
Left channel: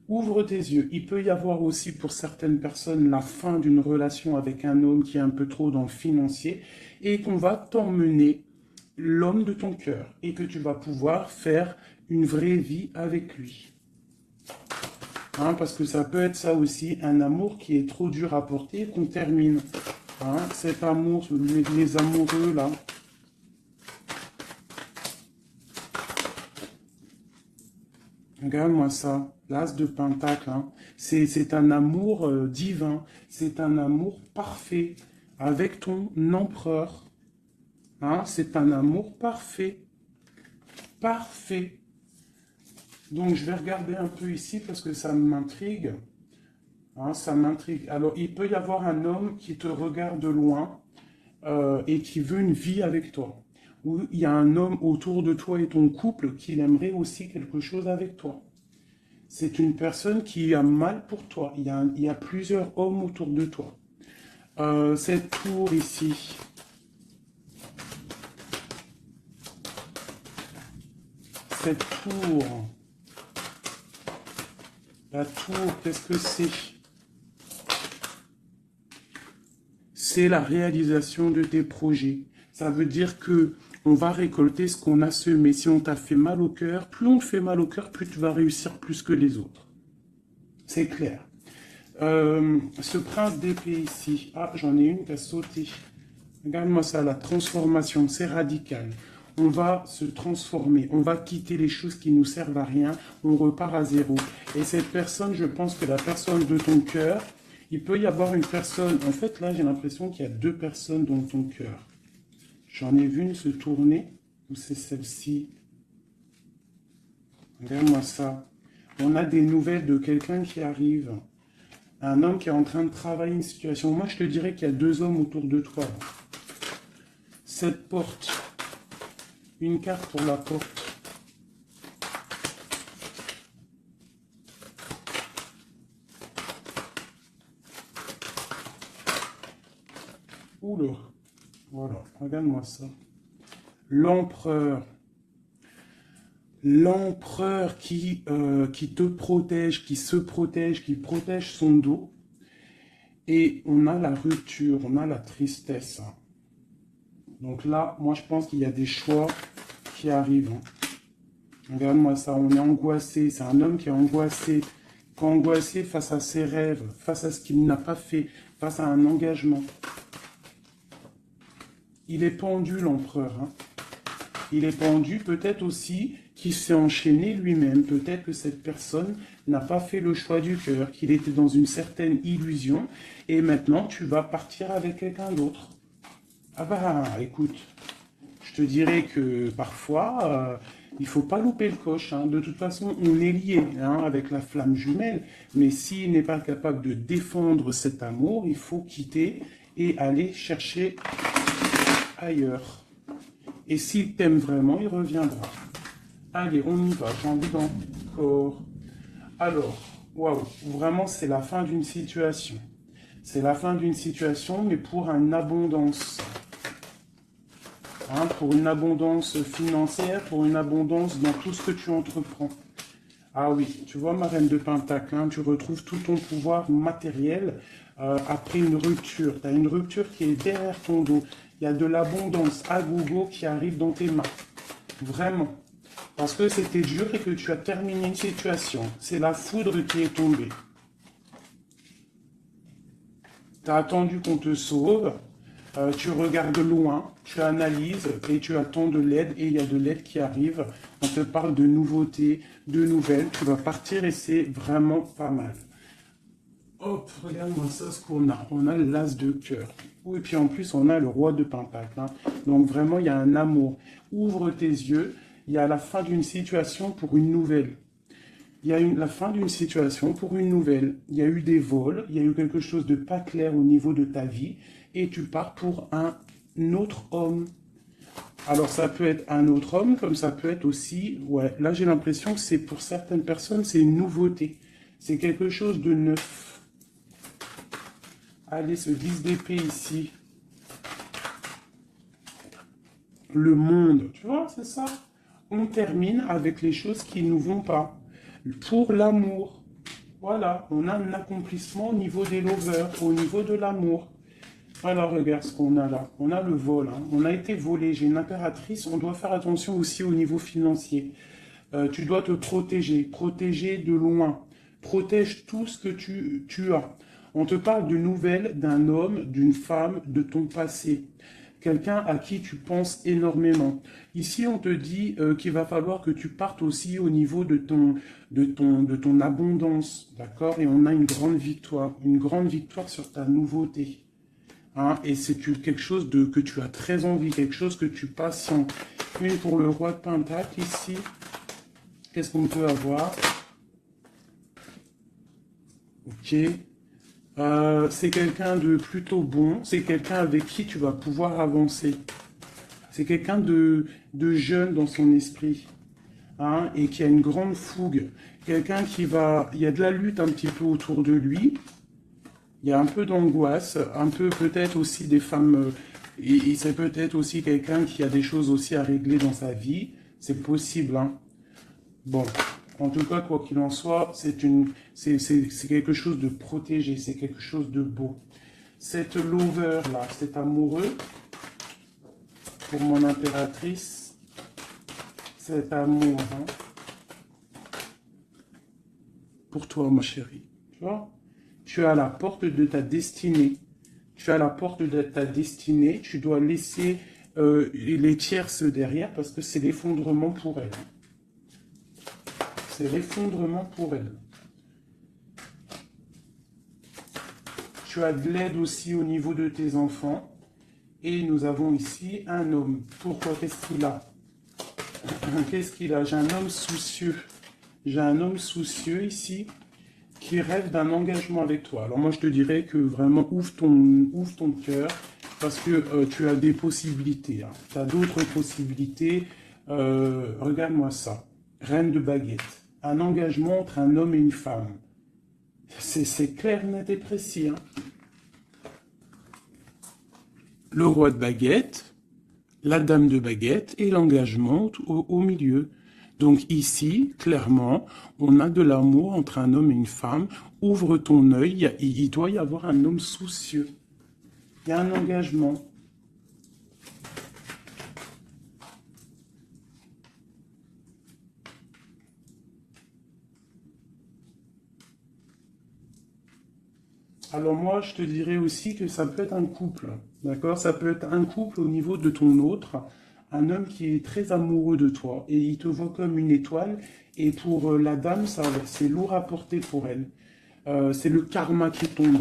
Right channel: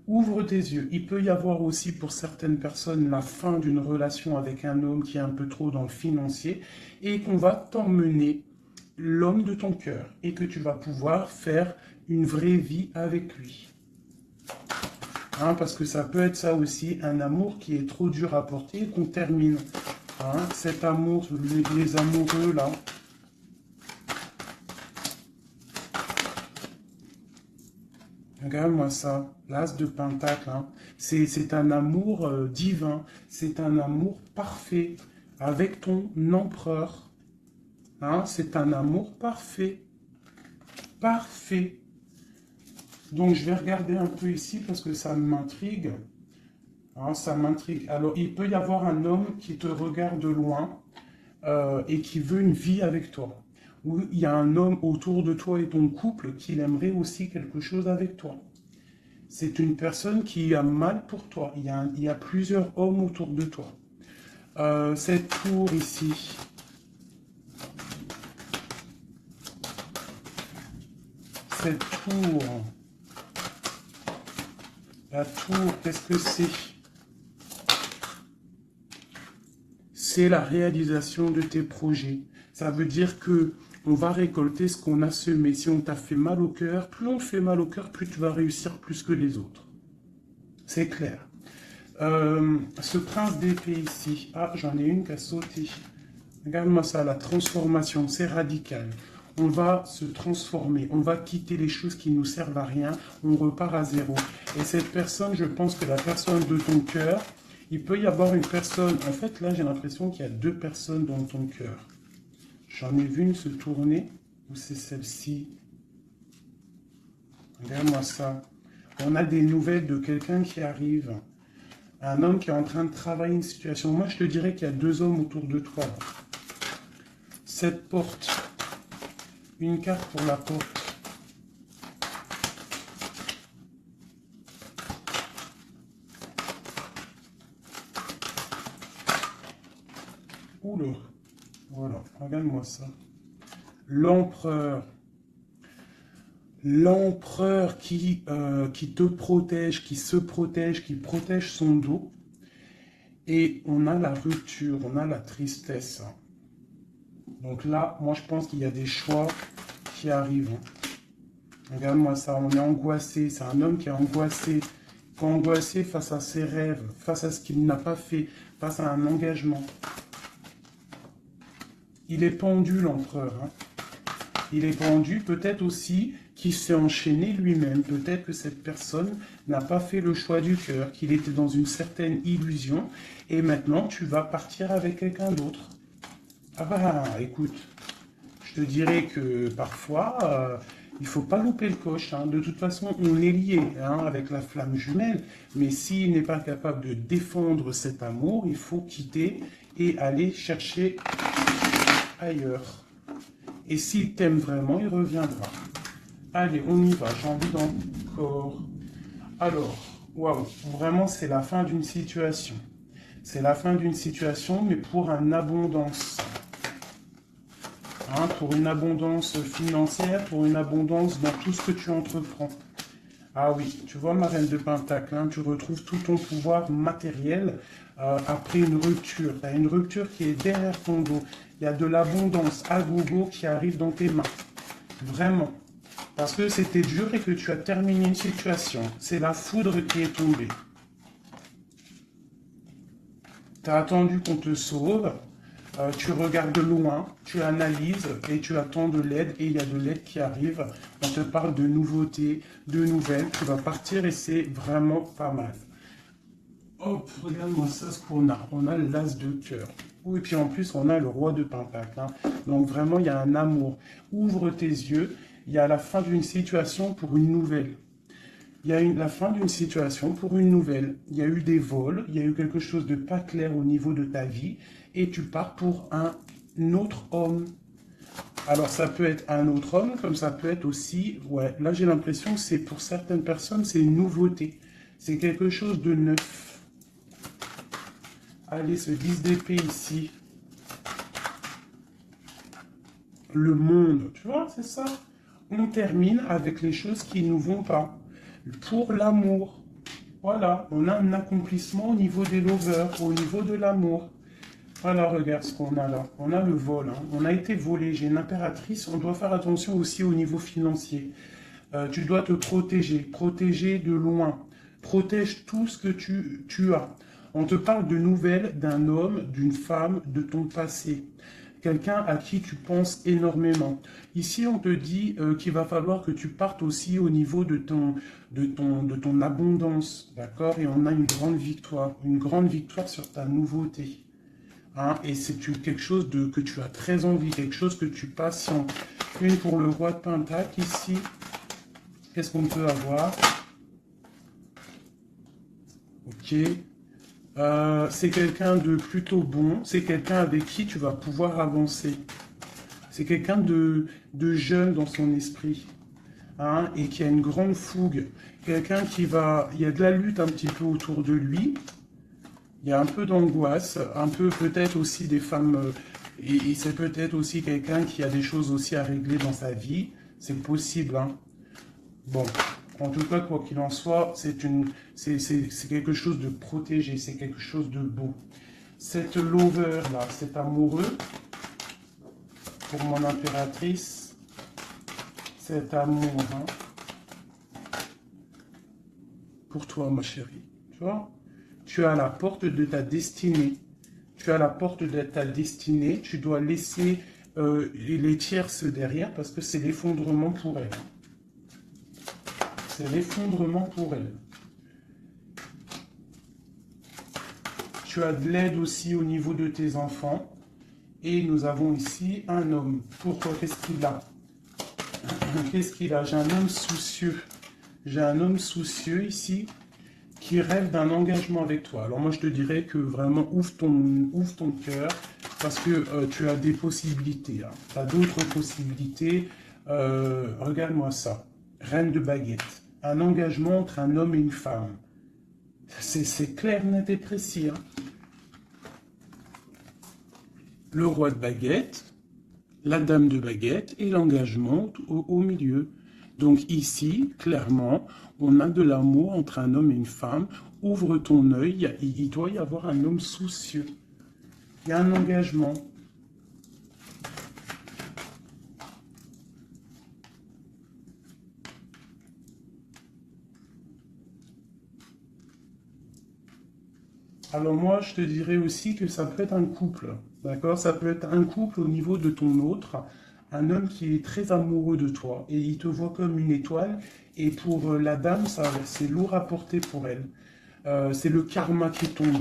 ouvre tes yeux. Il peut y avoir aussi pour certaines personnes la fin d'une relation avec un homme qui est un peu trop dans le financier et qu'on va t'emmener l'homme de ton cœur et que tu vas pouvoir faire une vraie vie avec lui. Hein, parce que ça peut être ça aussi, un amour qui est trop dur à porter, qu'on termine. Hein, cet amour, les amoureux là. Regarde-moi ça, l'as de pentacle. Hein. C'est un amour divin, c'est un amour parfait avec ton empereur. Hein, c'est un amour parfait. Parfait. Donc, je vais regarder un peu ici parce que ça m'intrigue. Hein, ça m'intrigue. Alors, il peut y avoir un homme qui te regarde de loin et qui veut une vie avec toi. Ou il y a un homme autour de toi et ton couple qui aimerait aussi quelque chose avec toi. C'est une personne qui a mal pour toi. Il y a plusieurs hommes autour de toi. Cette tour ici. Cette tour. La tour, qu'est-ce que c'est? C'est la réalisation de tes projets. Ça veut dire que on va récolter ce qu'on a semé. Si on t'a fait mal au cœur, plus on te fait mal au cœur, plus tu vas réussir plus que les autres. C'est clair. Ce prince d'épée ici. Ah, j'en ai une qui a sauté. Regarde-moi ça, la transformation, c'est radical. On va se transformer, on va quitter les choses qui nous servent à rien, on repart à zéro. Et cette personne, je pense que la personne de ton cœur, il peut y avoir une personne, en fait là j'ai l'impression qu'il y a deux personnes dans ton cœur. J'en ai vu une se tourner, ou c'est celle-ci. Regarde-moi ça. On a des nouvelles de quelqu'un qui arrive. Un homme qui est en train de travailler une situation. Moi je te dirais qu'il y a deux hommes autour de toi. Cette porte. Une carte pour la porte. Oula. Voilà, regarde-moi ça. L'empereur. L'empereur qui te protège, qui se protège, qui protège son dos. Et on a la rupture, on a la tristesse. Donc là, moi je pense qu'il y a des choix qui arrivent. Regarde-moi ça, on est angoissé. C'est un homme qui est angoissé. Angoissé face à ses rêves, face à ce qu'il n'a pas fait, face à un engagement. Il est pendu, l'empereur. Hein. Il est pendu, peut-être aussi qu'il s'est enchaîné lui-même. Peut-être que cette personne n'a pas fait le choix du cœur, qu'il était dans une certaine illusion. Et maintenant, tu vas partir avec quelqu'un d'autre. Ah bah, écoute, je te dirais que parfois, il ne faut pas louper le coche. Hein. De toute façon, on est lié hein, avec la flamme jumelle. Mais s'il n'est pas capable de défendre cet amour, il faut quitter et aller chercher ailleurs. Et s'il t'aime vraiment, il reviendra. Allez, on y va, j'en prends encore. Alors, waouh, vraiment, c'est la fin d'une situation. C'est la fin d'une situation, mais pour une abondance. Hein, pour une abondance financière, pour une abondance dans tout ce que tu entreprends. Ah oui, tu vois, ma reine de Pentacle, hein, tu retrouves tout ton pouvoir matériel après une rupture. Tu as une rupture qui est derrière ton dos. Il y a de l'abondance à gogo qui arrive dans tes mains. Vraiment. Parce que c'était dur et que tu as terminé une situation. C'est la foudre qui est tombée. Tu as attendu qu'on te sauve. Tu regardes loin, tu analyses et tu attends de l'aide et il y a de l'aide qui arrive. On te parle de nouveautés, de nouvelles. Tu vas partir et c'est vraiment pas mal. Hop, regarde-moi ça, ce qu'on a. On a l'as de cœur. Et puis en plus, on a le roi de pentacle. Hein. Donc vraiment, il y a un amour. Ouvre tes yeux. Il y a la fin d'une situation pour une nouvelle. Il y a la fin d'une situation pour une nouvelle. Il y a eu des vols, il y a eu quelque chose de pas clair au niveau de ta vie et tu pars pour un autre homme. Alors ça peut être un autre homme, comme ça peut être aussi, ouais, là j'ai l'impression que c'est pour certaines personnes, c'est une nouveauté. C'est quelque chose de neuf. Allez, ce 10 d'épée ici. Le monde, tu vois, c'est ça. On termine avec les choses qui ne nous vont pas. Pour l'amour. Voilà, on a un accomplissement au niveau des lovers, au niveau de l'amour. Voilà, regarde ce qu'on a là. On a le vol, hein. On a été volé. J'ai une impératrice. On doit faire attention aussi au niveau financier. Tu dois te protéger. Protéger de loin. Protège tout ce que tu as. On te parle de nouvelles d'un homme, d'une femme, de ton passé. Quelqu'un à qui tu penses énormément. Ici, on te dit qu'il va falloir que tu partes aussi au niveau de ton abondance, d'accord? Et on a une grande victoire sur ta nouveauté. Hein? Et c'est quelque chose que tu as très envie, quelque chose que tu patientes. Une pour le roi de Pentacle ici. Qu'est-ce qu'on peut avoir? Ok. C'est quelqu'un de plutôt bon, c'est quelqu'un avec qui tu vas pouvoir avancer. C'est quelqu'un de jeune dans son esprit, hein, et qui a une grande fougue. Quelqu'un qui va... Il y a de la lutte un petit peu autour de lui, il y a un peu d'angoisse, un peu peut-être aussi des femmes... et c'est peut-être aussi quelqu'un qui a des choses aussi à régler dans sa vie, c'est possible, hein. Bon, en tout cas, quoi qu'il en soit, c'est quelque chose de protégé, c'est quelque chose de beau. Cette lover-là, cet amoureux, pour mon impératrice, cet amour, hein, pour toi, ma chérie, tu vois, tu es à la porte de ta destinée. Tu es à la porte de ta destinée, tu dois laisser les tierces derrière parce que c'est l'effondrement pour elle. C'est l'effondrement pour elle. Tu as de l'aide aussi au niveau de tes enfants. Et nous avons ici un homme. Pourquoi? Qu'est-ce qu'il a? Qu'est-ce qu'il a? J'ai un homme soucieux. J'ai un homme soucieux ici qui rêve d'un engagement avec toi. Alors moi, je te dirais que vraiment, ouvre ton cœur parce que tu as des possibilités. Hein. Tu as d'autres possibilités. Regarde-moi ça. Reine de baguette. Un engagement entre un homme et une femme. C'est clair, net et précis. Hein. Le roi de baguette, la dame de baguette et l'engagement au milieu. Donc ici, clairement, on a de l'amour entre un homme et une femme. Ouvre ton œil, il doit y avoir un homme soucieux. Il y a un engagement. Alors moi, je te dirais aussi que ça peut être un couple, d'accord? Ça peut être un couple au niveau de ton autre, un homme qui est très amoureux de toi et il te voit comme une étoile. Et pour la dame, c'est lourd à porter pour elle. C'est le karma qui tombe,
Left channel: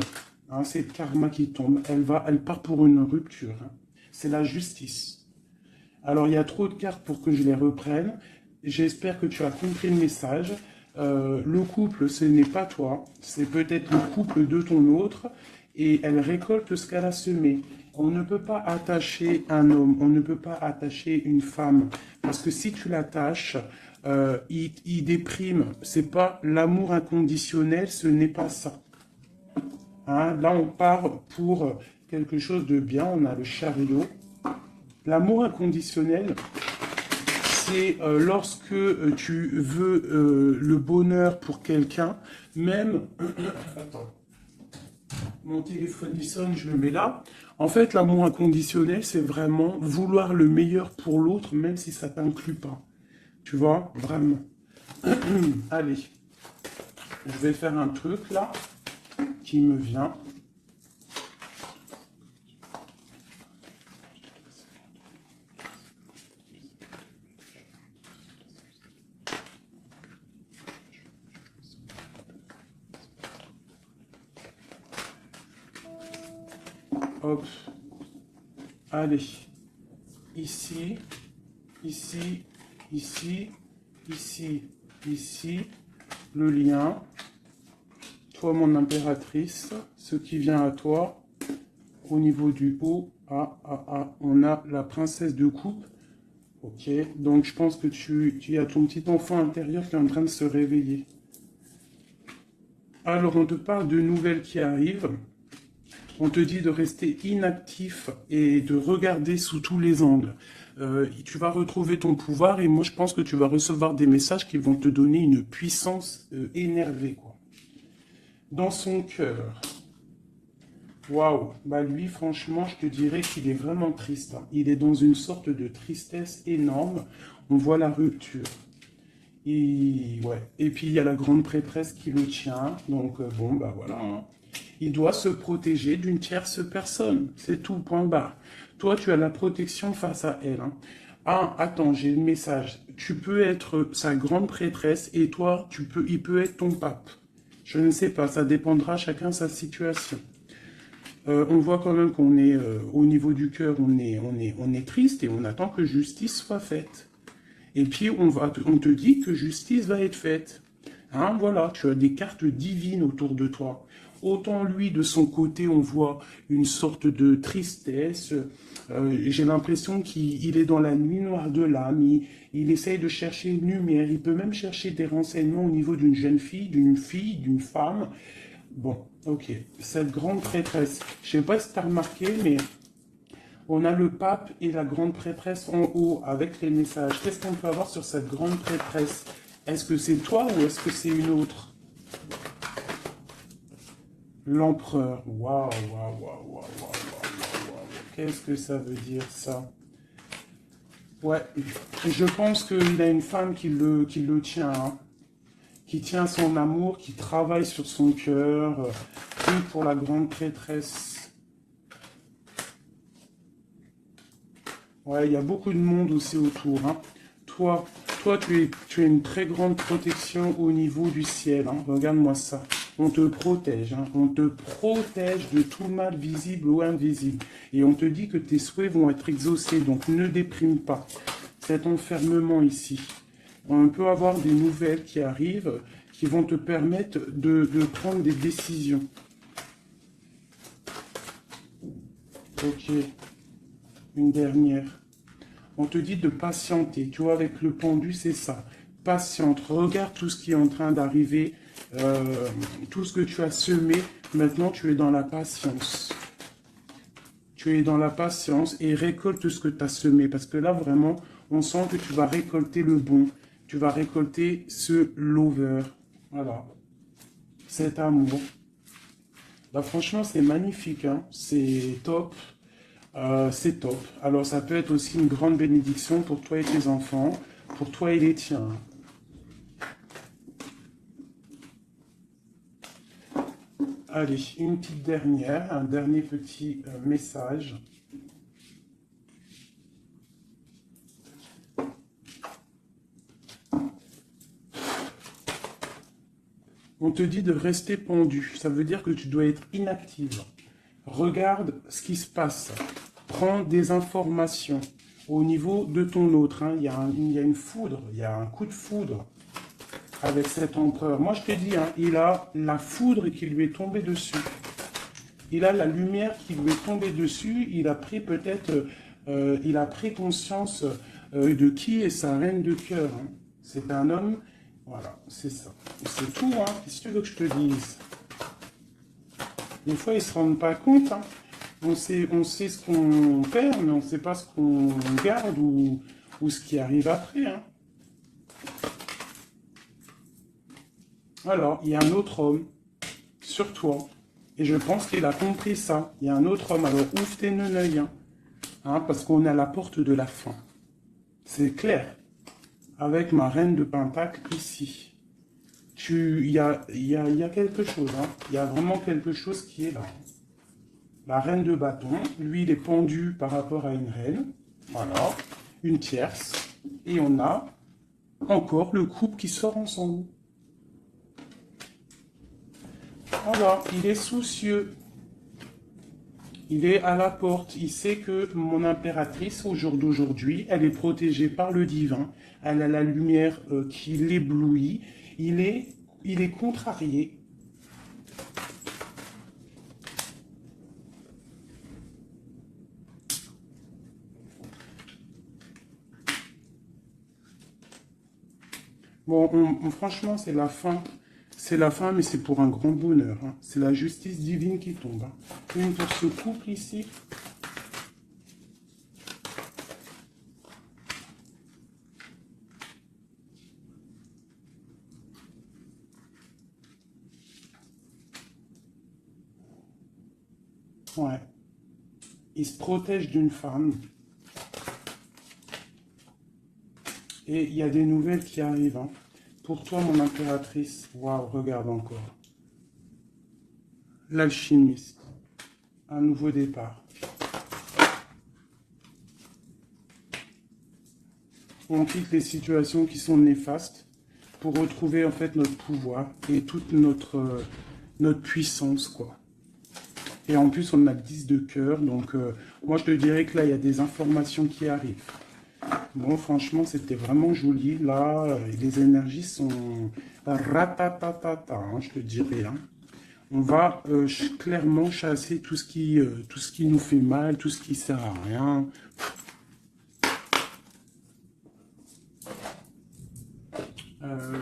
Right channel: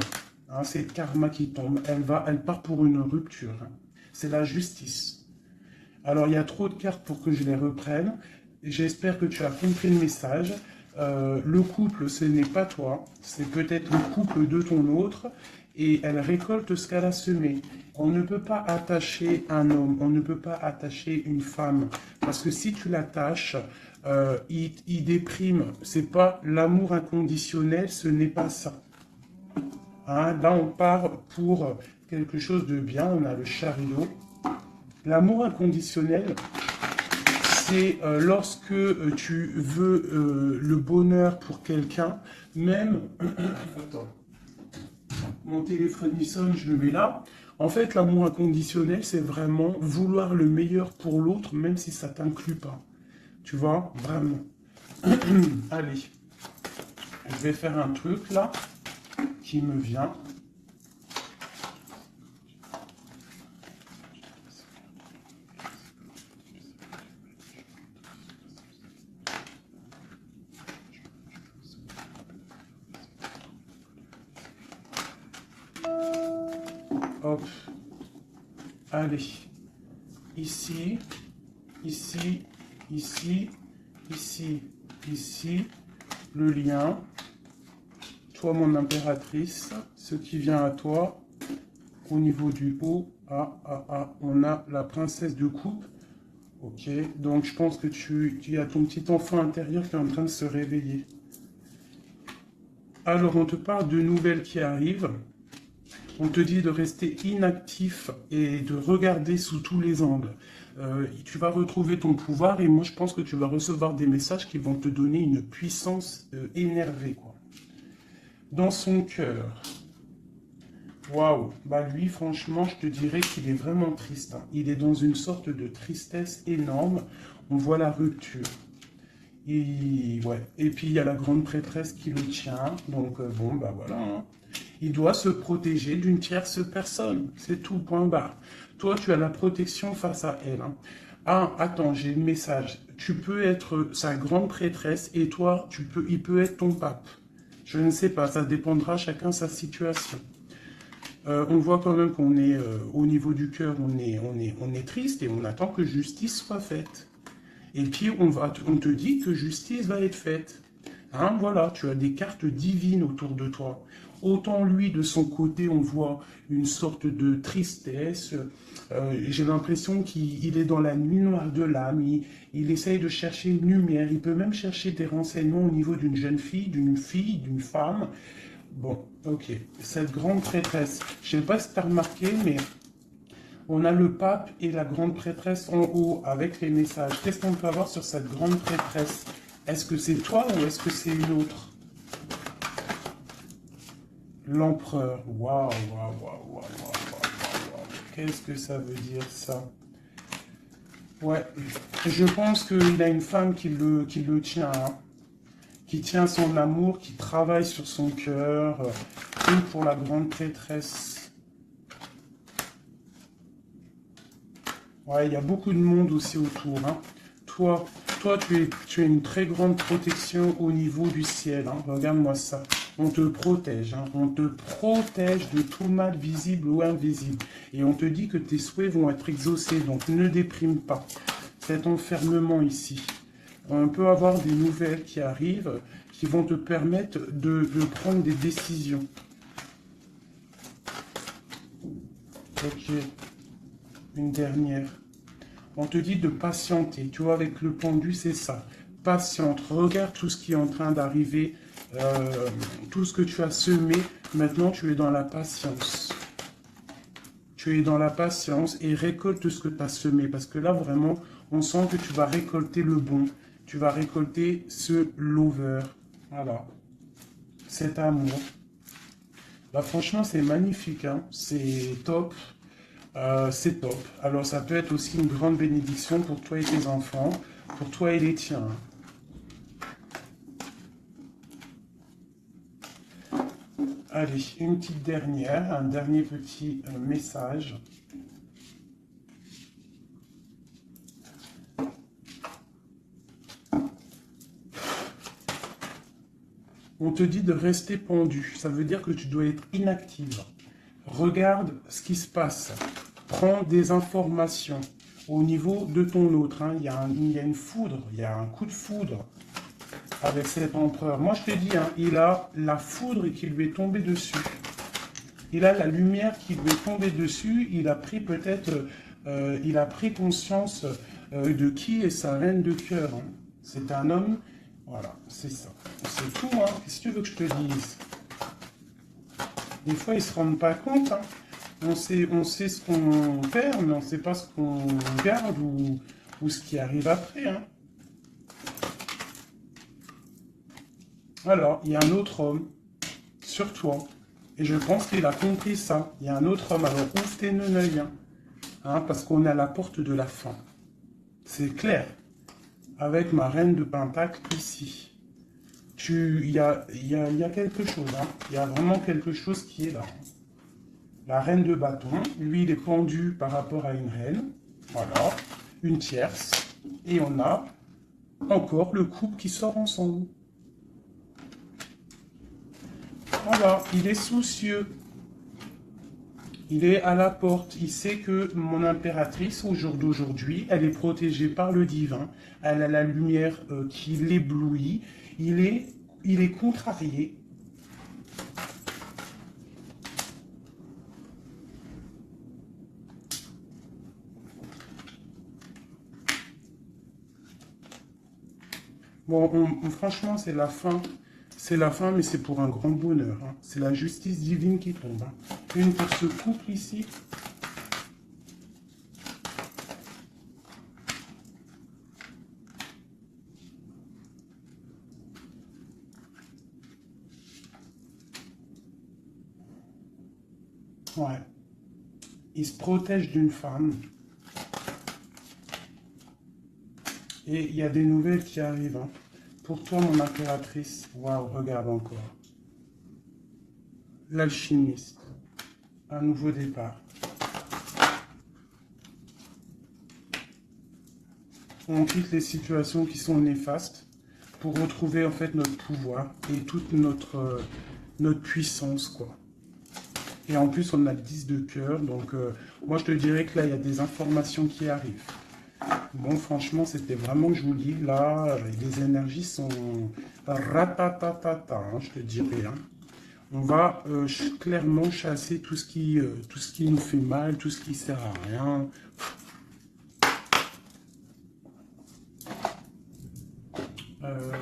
hein, c'est le karma qui tombe. Elle part pour une rupture. Hein. C'est la justice. Alors, il y a trop de cartes pour que je les reprenne. J'espère que tu as compris le message. Le couple, ce n'est pas toi. C'est peut-être le couple de ton autre. et elle récolte ce qu'elle a semé. On ne peut pas attacher un homme, on ne peut pas attacher une femme, parce que si tu l'attaches, il déprime. C'est pas l'amour inconditionnel, ce n'est pas ça. Hein, là, on part pour quelque chose de bien, on a le chariot. L'amour inconditionnel, c'est lorsque tu veux le bonheur pour quelqu'un, même... Attends, mon téléphone il sonne, je le mets là. En fait, l'amour inconditionnel, c'est vraiment vouloir le meilleur pour l'autre, même si ça ne t'inclut pas. Tu vois, vraiment. Allez, je vais faire un truc là, qui me vient. Hop. Allez. Ici, ici, ici, ici, ici. Le lien. Toi, mon impératrice. Ce qui vient à toi. Au niveau du haut. On a la princesse de coupe. Ok. Donc, je pense que tu as ton petit enfant intérieur qui est en train de se réveiller. Alors, on te parle de nouvelles qui arrivent. On te dit de rester inactif et de regarder sous tous les angles. Tu vas retrouver ton pouvoir et moi je pense que tu vas recevoir des messages qui vont te donner une puissance énervée, quoi. Dans son cœur. Waouh. Bah lui, franchement, je te dirais qu'il est vraiment triste. Hein. Il est dans une sorte de tristesse énorme. On voit la rupture. Et, ouais. Et puis il y a la grande prêtresse qui le tient. Donc bon, bah voilà. Hein. Il doit se protéger d'une tierce personne. C'est tout, point barre. Toi, tu as la protection face à elle. Hein. Ah, attends, j'ai le message. Tu peux être sa grande prêtresse et toi, il peut être ton pape. Je ne sais pas, ça dépendra chacun sa situation. On voit quand même qu'on est au niveau du cœur, on est triste et on attend que justice soit faite. Et puis, on te dit que justice va être faite. Hein, voilà, tu as des cartes divines autour de toi. Autant lui, de son côté, on voit une sorte de tristesse. J'ai l'impression qu'il est dans la nuit noire de l'âme. Il essaye de chercher une lumière. Il peut même chercher des renseignements au niveau d'une jeune fille, d'une femme. Bon, ok. Cette grande prêtresse, je ne sais pas si tu as remarqué, mais on a le pape et la grande prêtresse en haut avec les messages. Qu'est-ce qu'on peut avoir sur cette grande prêtresse? Est-ce que c'est toi ou est-ce que c'est une autre? L'empereur. Waouh, waouh, waouh, waouh, waouh, waouh. Qu'est-ce que ça veut dire, ça? Ouais, je pense qu'il a une femme qui le tient, hein, qui tient son amour, qui travaille sur son cœur, prie pour la grande prêtresse. Ouais, il y a beaucoup de monde aussi autour. Hein. Toi, tu as une très grande protection au niveau du ciel. Hein. Regarde-moi ça. On te protège. Hein. On te protège de tout mal visible ou invisible. Et on te dit que tes souhaits vont être exaucés. Donc ne déprime pas. Cet enfermement ici. On peut avoir des nouvelles qui arrivent qui vont te permettre de prendre des décisions. Ok. Une dernière. On te dit de patienter. Tu vois, avec le pendu, c'est ça. Patiente. Regarde tout ce qui est en train d'arriver. Tout ce que tu as semé. Maintenant, tu es dans la patience. Tu es dans la patience et récolte tout ce que tu as semé. Parce que là, vraiment, on sent que tu vas récolter le bon. Tu vas récolter ce lover. Voilà. Cet amour. Bah, franchement, c'est magnifique. Hein. C'est top. C'est top. Alors, ça peut être aussi une grande bénédiction pour toi et tes enfants, pour toi et les tiens. Allez, une petite dernière, un dernier petit message. On te dit de rester pendu. Ça veut dire que tu dois être inactive. Regarde ce qui se passe. Prends des informations au niveau de ton autre. Hein. Il y a une foudre, il y a un coup de foudre avec cet empereur. Moi, je te dis, hein, il a la foudre qui lui est tombée dessus. Il a la lumière qui lui est tombée dessus. Il a pris peut-être, il a pris conscience de qui est sa reine de cœur. Hein. C'est un homme, voilà, c'est ça. C'est tout, hein. Qu'est-ce que tu veux que je te dise? Des fois, ils ne se rendent pas compte. Hein. On sait ce qu'on perd, mais on ne sait pas ce qu'on garde ou ce qui arrive après. Hein. Alors, il y a un autre homme sur toi. Et je pense qu'il a compris ça. Il y a un autre homme. Alors, ouvre tes œils. Hein, parce qu'on est à la porte de la fin. C'est clair. Avec ma reine de Pentacle ici. Il y a quelque chose. Hein. Il y a vraiment quelque chose qui est là. La reine de bâton. Lui, il est pendu par rapport à une reine. Voilà. Une tierce. Et on a encore le couple qui sort ensemble. Alors, il est soucieux. Il est à la porte. Il sait que mon impératrice, au jour d'aujourd'hui, elle est protégée par le divin. Elle a la lumière qui l'éblouit. Il est contrarié. Bon, franchement, c'est la fin. C'est la fin, mais c'est pour un grand bonheur. Hein. C'est la justice divine qui tombe. Hein. Une pour ce couple ici. Ouais. Il se protège d'une femme. Et il y a des nouvelles qui arrivent. Hein. Pour toi, mon impératrice, waouh, regarde encore. L'alchimiste. Un nouveau départ. On quitte les situations qui sont néfastes pour retrouver en fait notre pouvoir et toute notre puissance, quoi. Et en plus, on a le 10 de cœur, donc moi je te dirais que là, il y a des informations qui arrivent. Bon, franchement, c'était vraiment joli. Là, les énergies sont ratatatata, hein, je te dirais. Hein. On va clairement chasser tout ce qui nous fait mal, tout ce qui sert à rien.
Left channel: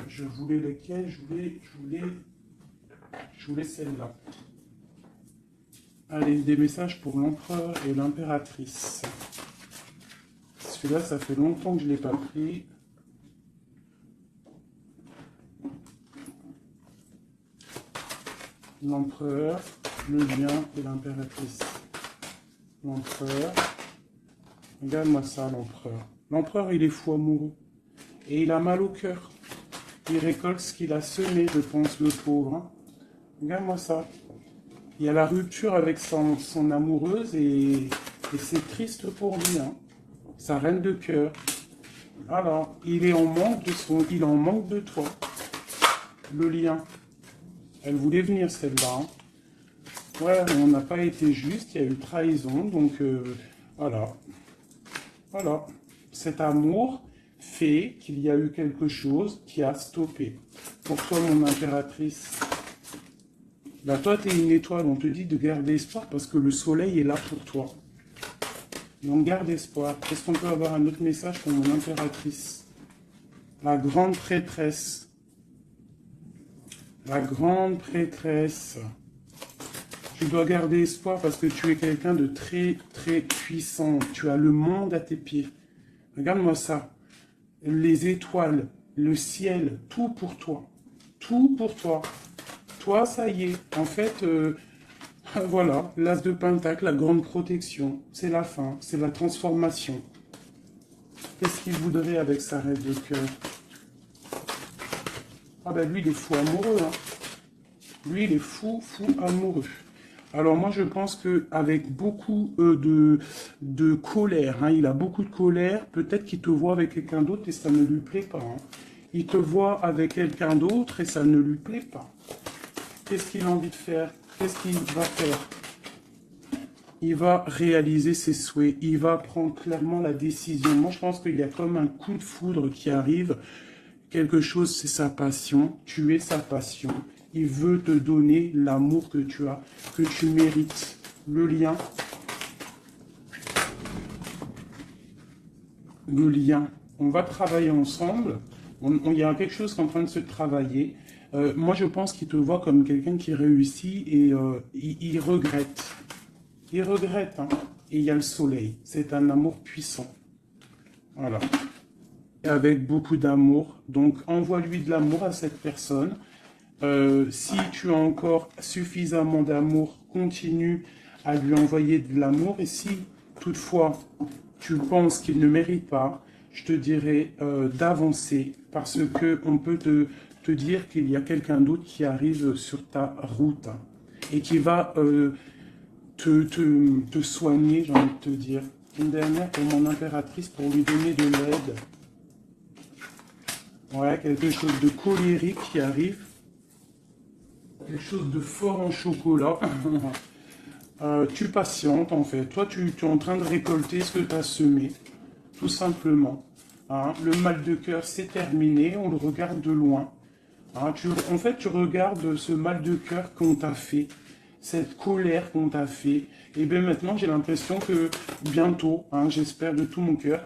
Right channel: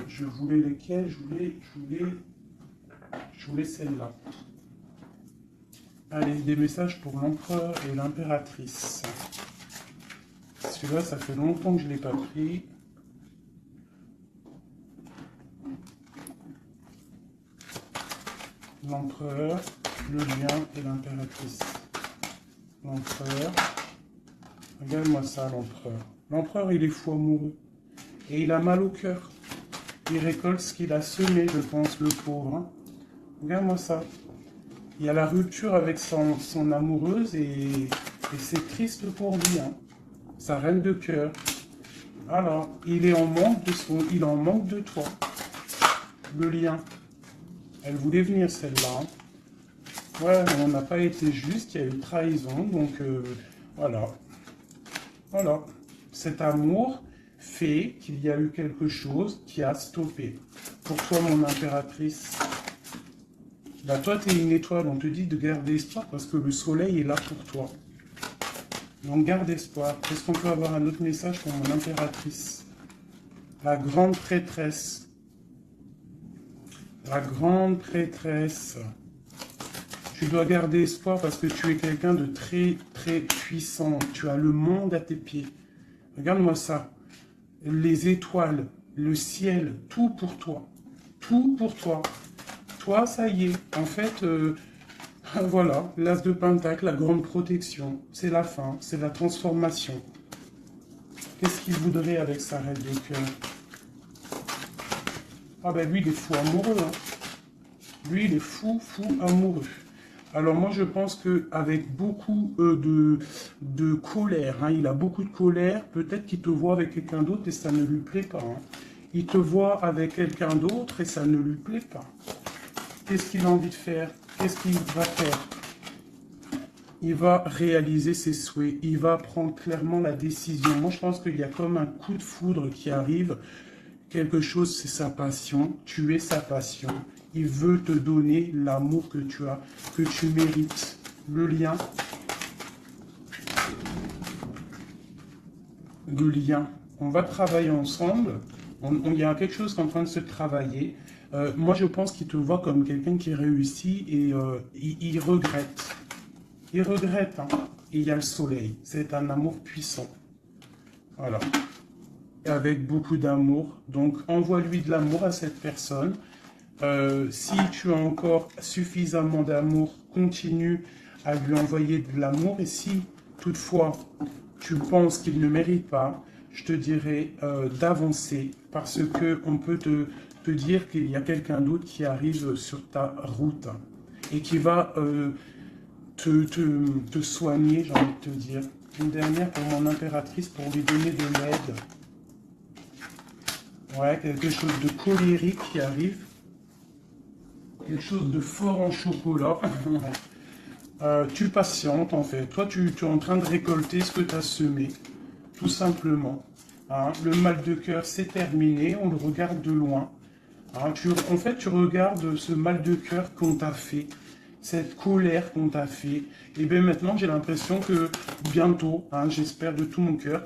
Je voulais lesquelles? Je voulais celle-là. Allez, des messages pour l'empereur et l'impératrice. Celui-là, ça fait longtemps que je ne l'ai pas pris. L'empereur, le lion et l'impératrice. L'empereur. Regarde-moi ça, l'empereur. L'empereur, il est fou amoureux. Et il a mal au cœur. Il récolte ce qu'il a semé, je pense, le pauvre. Hein. Regarde-moi ça. Il y a la rupture avec son amoureuse et c'est triste pour lui. Hein. Sa reine de cœur. Alors, il est en manque de toi. Le lien. Elle voulait venir celle-là. Hein. Ouais, on n'a pas été juste, il y a eu trahison, donc voilà. Voilà. Cet amour fait qu'il y a eu quelque chose qui a stoppé. Pour toi, mon impératrice, là, toi, tu es une étoile, on te dit de garder espoir parce que le soleil est là pour toi. Donc, garde espoir. Est-ce qu'on peut avoir un autre message pour mon impératrice? La grande prêtresse. La grande prêtresse. Tu dois garder espoir parce que tu es quelqu'un de très, très puissant. Tu as le monde à tes pieds. Regarde-moi ça. Les étoiles, le ciel, tout pour toi. Tout pour toi. Toi, ça y est. En fait, voilà, l'as de pentacle, la grande protection. C'est la fin, c'est la transformation. Qu'est-ce qu'il voudrait avec sa reine de cœur? Ah ben lui, il est fou amoureux. Hein. Lui, il est fou amoureux. Alors moi, je pense qu'avec beaucoup de colère, hein, il a beaucoup de colère, peut-être qu'il te voit avec quelqu'un d'autre et ça ne lui plaît pas. Hein. Il te voit avec quelqu'un d'autre et ça ne lui plaît pas. Qu'est-ce qu'il a envie de faire? Qu'est-ce qu'il va faire? Il va réaliser ses souhaits. Il va prendre clairement la décision. Moi, je pense qu'il y a comme un coup de foudre qui arrive. Quelque chose, c'est sa passion. Tu es sa passion. il veut te donner l'amour que tu as, que tu mérites. Le lien. Le lien. On va travailler ensemble. Il y a quelque chose qui est en train de se travailler. Moi, je pense qu'il te voit comme quelqu'un qui réussit et il regrette. Il regrette. Hein. Et il y a le soleil. C'est un amour puissant. Voilà. Et avec beaucoup d'amour. Donc, envoie-lui de l'amour à cette personne. Si tu as encore suffisamment d'amour, continue à lui envoyer de l'amour. Et si, toutefois, tu penses qu'il ne mérite pas, je te dirais d'avancer. Parce qu'on peut te dire qu'il y a quelqu'un d'autre qui arrive sur ta route. Et qui va te soigner, j'ai envie de te dire. Une dernière pour mon impératrice, pour lui donner de l'aide. Ouais, quelque chose de colérique qui arrive. Quelque chose de fort en chocolat. Tu patientes en fait. Toi, tu es en train de récolter ce que tu as semé. Tout simplement. Hein, le mal de cœur, c'est terminé. On le regarde de loin. Hein, en fait, tu regardes ce mal de cœur qu'on t'a fait. Cette colère qu'on t'a fait. Et bien maintenant, j'ai l'impression que bientôt, hein, j'espère de tout mon cœur,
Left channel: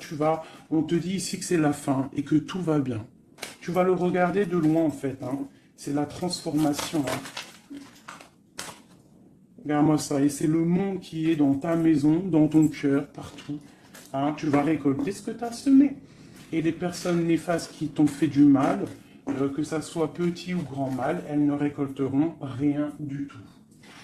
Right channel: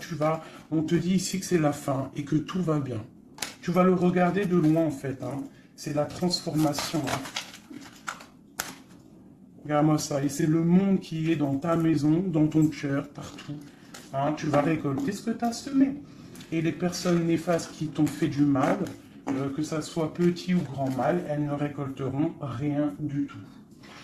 on te dit ici que c'est la fin et que tout va bien. Tu vas le regarder de loin en fait. Hein. C'est la transformation. Hein. Regarde-moi ça. Et c'est le monde qui est dans ta maison, dans ton cœur, partout. Hein. Tu vas récolter ce que tu as semé. Et les personnes néfastes qui t'ont fait du mal, que ça soit petit ou grand mal, elles ne récolteront rien du tout.